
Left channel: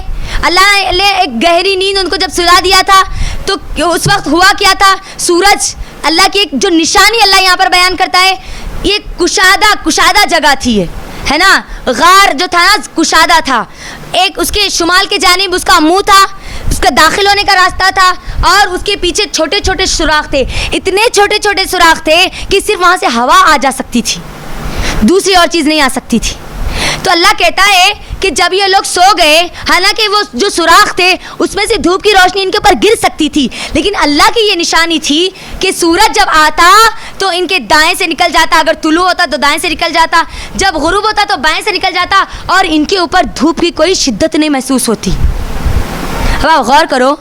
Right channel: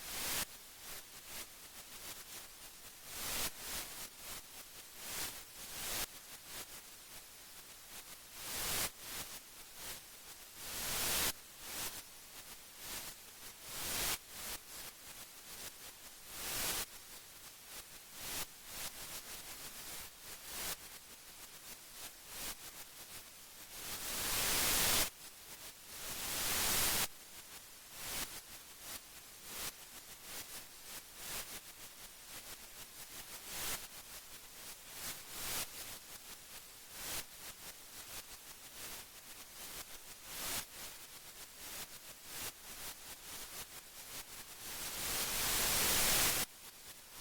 ایک گہری نیند ان کو جب سلا دیا تھا تو اس وقت ہوا کیا تھا، سورج اللہ کی ایک جو نشانی اللہ یہاں پر بیان کرتا ہے، یہ کشادہ جگہ تھی، ہے نا، غار جو تھا نا کشادہ تھا، ایک اس کے شمال کے جانب اس کا منہ تھا، اس کا داخل ہونے کا راستہ تھا، اور اس کے پیچھے چھوٹے چھوٹے سوراخ تھے، اتنے چھوٹے چھوٹے سوراخ تھے کہ صرف وہاں سے ہوا آ جا سکتی تھی، دوسری اور چیز نہیں آ سکتی تھی۔ تو اللہ کہتا ہے کہ جب یہ لوگ سو گئے، حالانکہ وہ جو سوراخ تھے اس میں سے دھوپ کی روشنی ان کے اوپر گر سکتی تھی، لیکن اللہ کی یہ نشانی تھی کہ سورج جب آتا تو ان کے دائیں سے نکل جاتا، اگر طلوع ہوتا تو دائیں سے نکل جاتا، جب غروب ہوتا تو بائیں سے نکل جاتا، اور ان کے اوپر دھوپ کی کوئی شدت نہیں محسوس ہوتی۔ اب آپ غور کرو،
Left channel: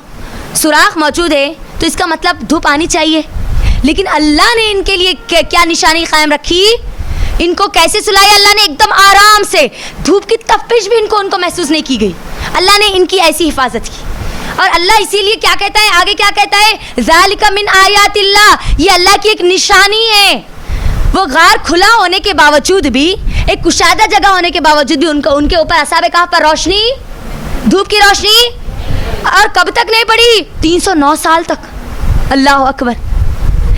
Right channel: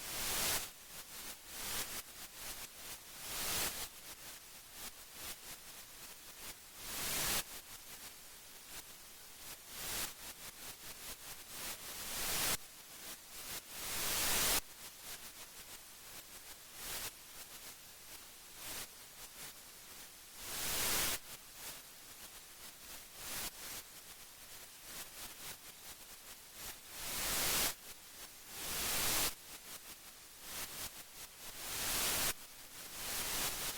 سوراخ موجود ہے تو اس کا مطلب دھوپ آنی چاہیے، لیکن اللہ نے ان کے لیے کیا نشانی قائم رکھی؟ ان کو کیسے سلایا؟ اللہ نے ایک دم آرام سے، دھوپ کی تپش بھی ان کو محسوس نہیں کی گئی، اللہ نے ان کی ایسی حفاظت کی۔ اور اللہ اسی لیے کیا کہتا ہے، آگے کیا کہتا ہے، ذالک من آیات اللہ، یہ اللہ کی ایک نشانی ہے۔ وہ غار کھلا ہونے کے باوجود بھی، ایک کشادہ جگہ ہونے کے باوجود بھی ان کے اوپر اصحاب کہف پر روشنی، دھوپ کی روشنی، اور کب تک نہیں پڑی؟ 309 سال تک۔ اللہ اکبر،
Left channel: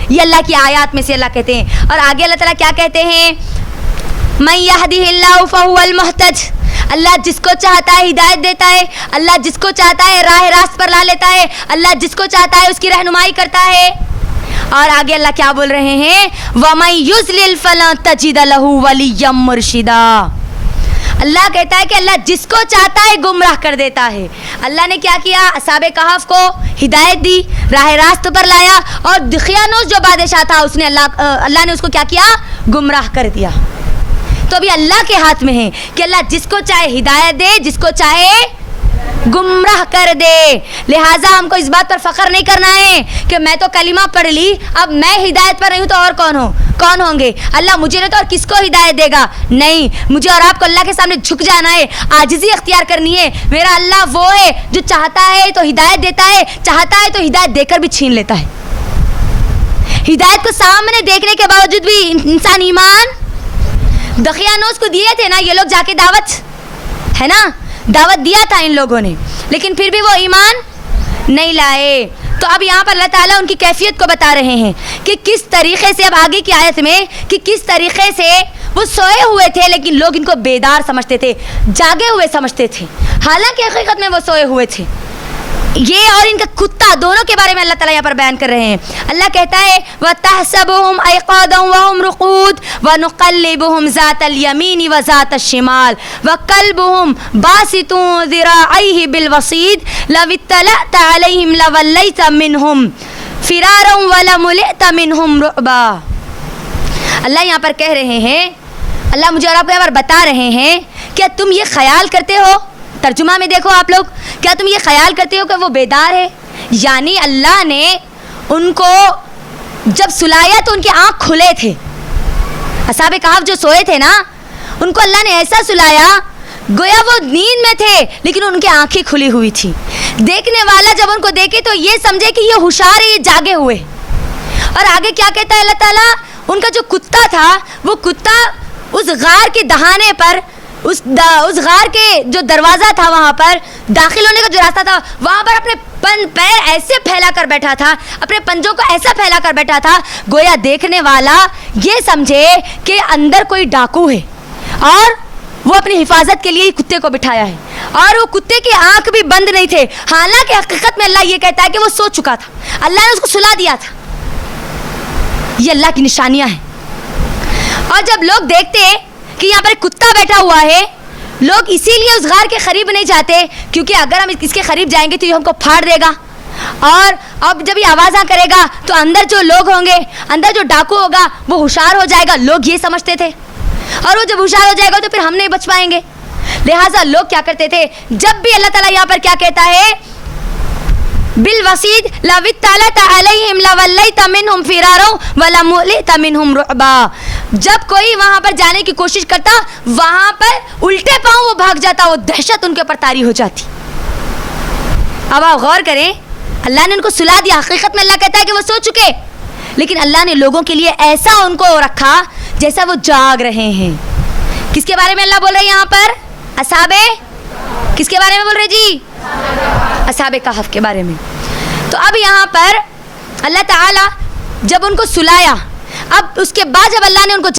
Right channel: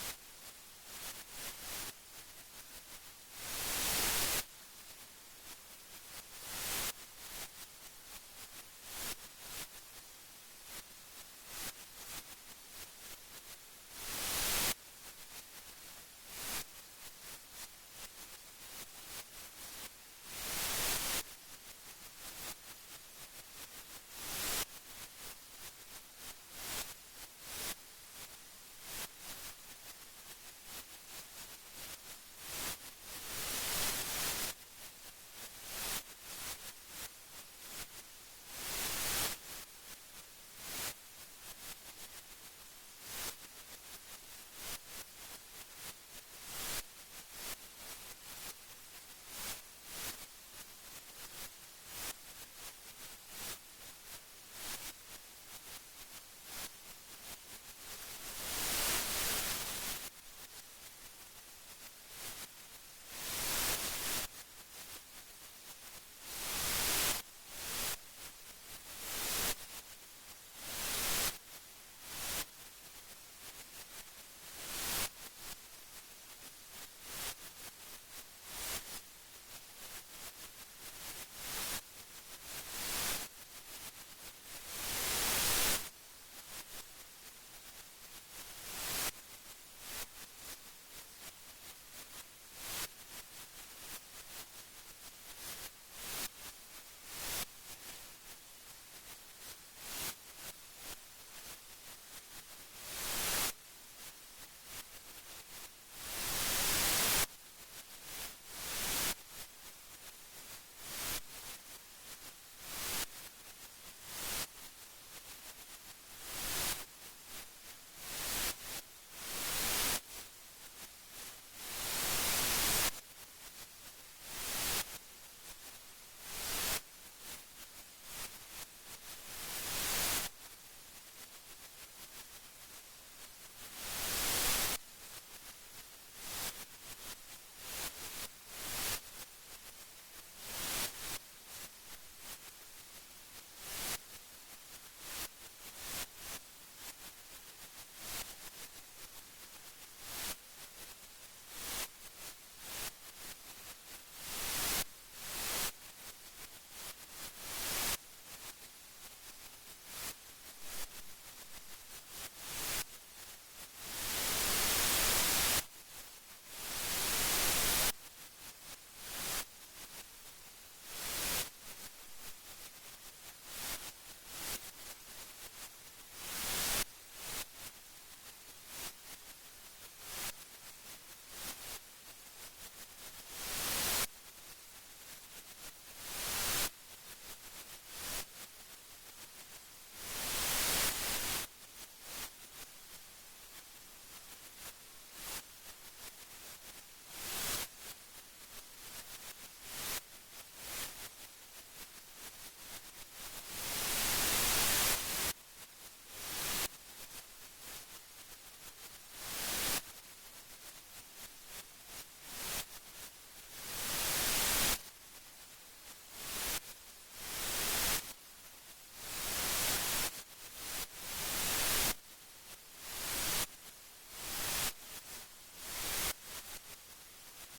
یہ اللہ کی آیات میں سے اللہ کہتے ہیں۔ اور آگے اللہ تعالیٰ کیا کہتے ہیں، من یہدہ اللہ فہو المہتد، اللہ جس کو چاہتا ہے ہدایت دیتا ہے، اللہ جس کو چاہتا ہے راہ راست پر لا لیتا ہے، اللہ جس کو چاہتا ہے اس کی رہنمائی کرتا ہے۔ اور آگے اللہ کیا بول رہے ہیں، وَمَن یُضْلِلْ فَلَن تَجِدَ لَهُ وَلِيًّا مُرْشِدًا۔ اللہ کہتا ہے کہ اللہ جس کو چاہتا ہے گمراہ کر دیتا ہے۔ اللہ نے کیا کیا، اصحاب کہف کو ہدایت دی، راہ راست پر لایا، اور دقیانوس جو بادشاہ تھا اس نے اللہ نے اس کو کیا کیا، گمراہ کر دیا۔ تو ابھی اللہ کے ہاتھ میں ہے کہ اللہ جس کو چاہے ہدایت دے، جس کو چاہے گمراہ کر دے۔ لہٰذا ہم کو اس بات پر فخر نہیں کرنا ہے کہ میں تو کلمہ پڑھ لی، اب میں ہدایت پر نہیں ہوں تو اور کون ہوں گے؟ اللہ مجھے نہیں تو اور کس کو ہدایت دے گا؟ نہیں، مجھے اور آپ کو اللہ کے سامنے جھک جانا ہے، عاجزی اختیار کرنی ہے۔ میرا اللہ وہ ہے جو چاہتا ہے تو ہدایت دیتا ہے، چاہتا ہے تو ہدایت دے کر بھی چھین لیتا ہے۔ ہدایت کو سامنے دیکھنے کے باوجود بھی انسان ایمان، دقیانوس کو دیے تھے نا یہ لوگ جا کے دعوت، ہے نا، دعوت دیا تھا ان لوگوں نے، لیکن پھر بھی وہ ایمان نہیں لائے۔ تو اب یہاں پر اللہ تعالیٰ ان کی کیفیت کو بتا رہے ہیں کہ کس طریقے سے, اب آگے کی آیت میں, کہ کس طریقے سے وہ سوئے ہوئے تھے لیکن لوگ ان کو بیدار سمجھتے تھے, جاگے ہوئے سمجھتے تھے, حالانکہ حقیقت میں وہ سوئے ہوئے تھے. یہ اور ان کا کتا دونوں کے بارے میں اللہ تعالیٰ یہاں پر بیان کر رہے ہیں. اللہ کہتا ہے وَتَحْسَبُهُمْ أَيْقَاظًا وَهُمْ رُقُودٌ وَنُقَلِّبُهُمْ ذَاتَ الْيَمِينِ وَذَاتَ الشِّمَالِ وَكَلْبُهُمْ بَاسِطٌ ذِرَاعَيْهِ بِالْوَصِيدِ لَوِ اطَّلَعْتَ عَلَيْهِمْ لَوَلَّيْتَ مِنْهُمْ فِرَارًا وَلَمُلِئْتَ مِنْهُمْ رُعْبًا. اللہ یہاں پر کہہ رہے ہیں, اللہ مجھے اور آپ کو یہاں پر بتا رہے ہیں, کیا تم یہ خیال کرتے ہو, ترجمہ میں دیکھو آپ لوگ, کیا تم یہ خیال کرتے ہو کہ وہ بیدار ہے؟ یعنی اللہ نے ان کو جب سلایا تو ان کی آنکھ کھلے تھے. اصحاب کہف جو سوئے تھے نا, ان کو اللہ نے ایسا سلایا گویا وہ نیند میں تھے لیکن ان کی آنکھیں کھلی ہوئی تھی. دیکھنے والا جب ان کو دیکھے تو یہ سمجھے کہ یہ ہوشیار ہے, یہ جاگے ہوئے. اور آگے کیا کہتا ہے اللہ تعالیٰ, ان کا جو کتا تھا وہ کتا اس غار کے دہانے پر, اس غار کے جو دروازہ تھا وہاں پر داخل ہونے کا جو راستہ تھا, وہاں پر اپنے پیر ایسے پھیلا کر بیٹھا تھا, اپنے پنجوں کو ایسا پھیلا کر بیٹھا تھا گویا دیکھنے والا یہ سمجھے کہ اندر کوئی ڈاکو ہے اور وہ اپنی حفاظت کے لیے کتے کو بٹھایا ہے. اور وہ کتے کی آنکھ بھی بند نہیں تھے, حالانکہ حقیقت میں اللہ یہ کہتا ہے کہ وہ سو چکا تھا, اللہ نے اس کو سلا دیا تھا. یہ اللہ کی نشانیاں ہیں. اور جب لوگ دیکھتے کہ یہاں پر ایک کتا بیٹھا ہوا ہے, لوگ اسی لیے اس غار کے قریب نہیں جاتے کیونکہ اگر ہم اس کے قریب جائیں گے تو یہ ہم کو پھاڑ دے گا, اور اب جب یہ آوازاں کرے گا تو اندر جو لوگ ہوں گے, اندر جو ڈاکو ہوگا وہ ہوشیار ہو جائے گا. لوگ یہ سمجھتے تھے, اور وہ جب ہوشیار ہو جائے گا تو پھر ہم نہیں بچ پائیں گے. لہٰذا لوگ کیا کرتے تھے, جب بھی اللہ تعالیٰ یہاں پر کیا کہتا ہے بالوسید لو اطلعت علیہم لولیت منہم فرارا ولملئت منہم رعبا, جب کوئی وہاں پر جانے کی کوشش کرتا وہاں پر الٹے پاؤں وہ بھاگ جاتا, وہ دہشت ان کے اوپر طاری ہو جاتی. اب آپ غور کریں, اللہ نے ان کو سلا دیا, حقیقت میں اللہ کہتا ہے کہ وہ سو چکے, لیکن اللہ نے لوگوں کے لیے ایسا ان کو رکھا جیسا وہ جاگ رہے ہیں. کس کے بارے میں اللہ بول رہے ہیں یہاں پر؟ اصحاب, کس کے بارے میں بول رہے جی؟ اصحاب کہف کے بارے میں. تو اب یہاں پر اللہ تعالیٰ جب ان کو سلایا, اب اس کے بعد جب اللہ نے ان کو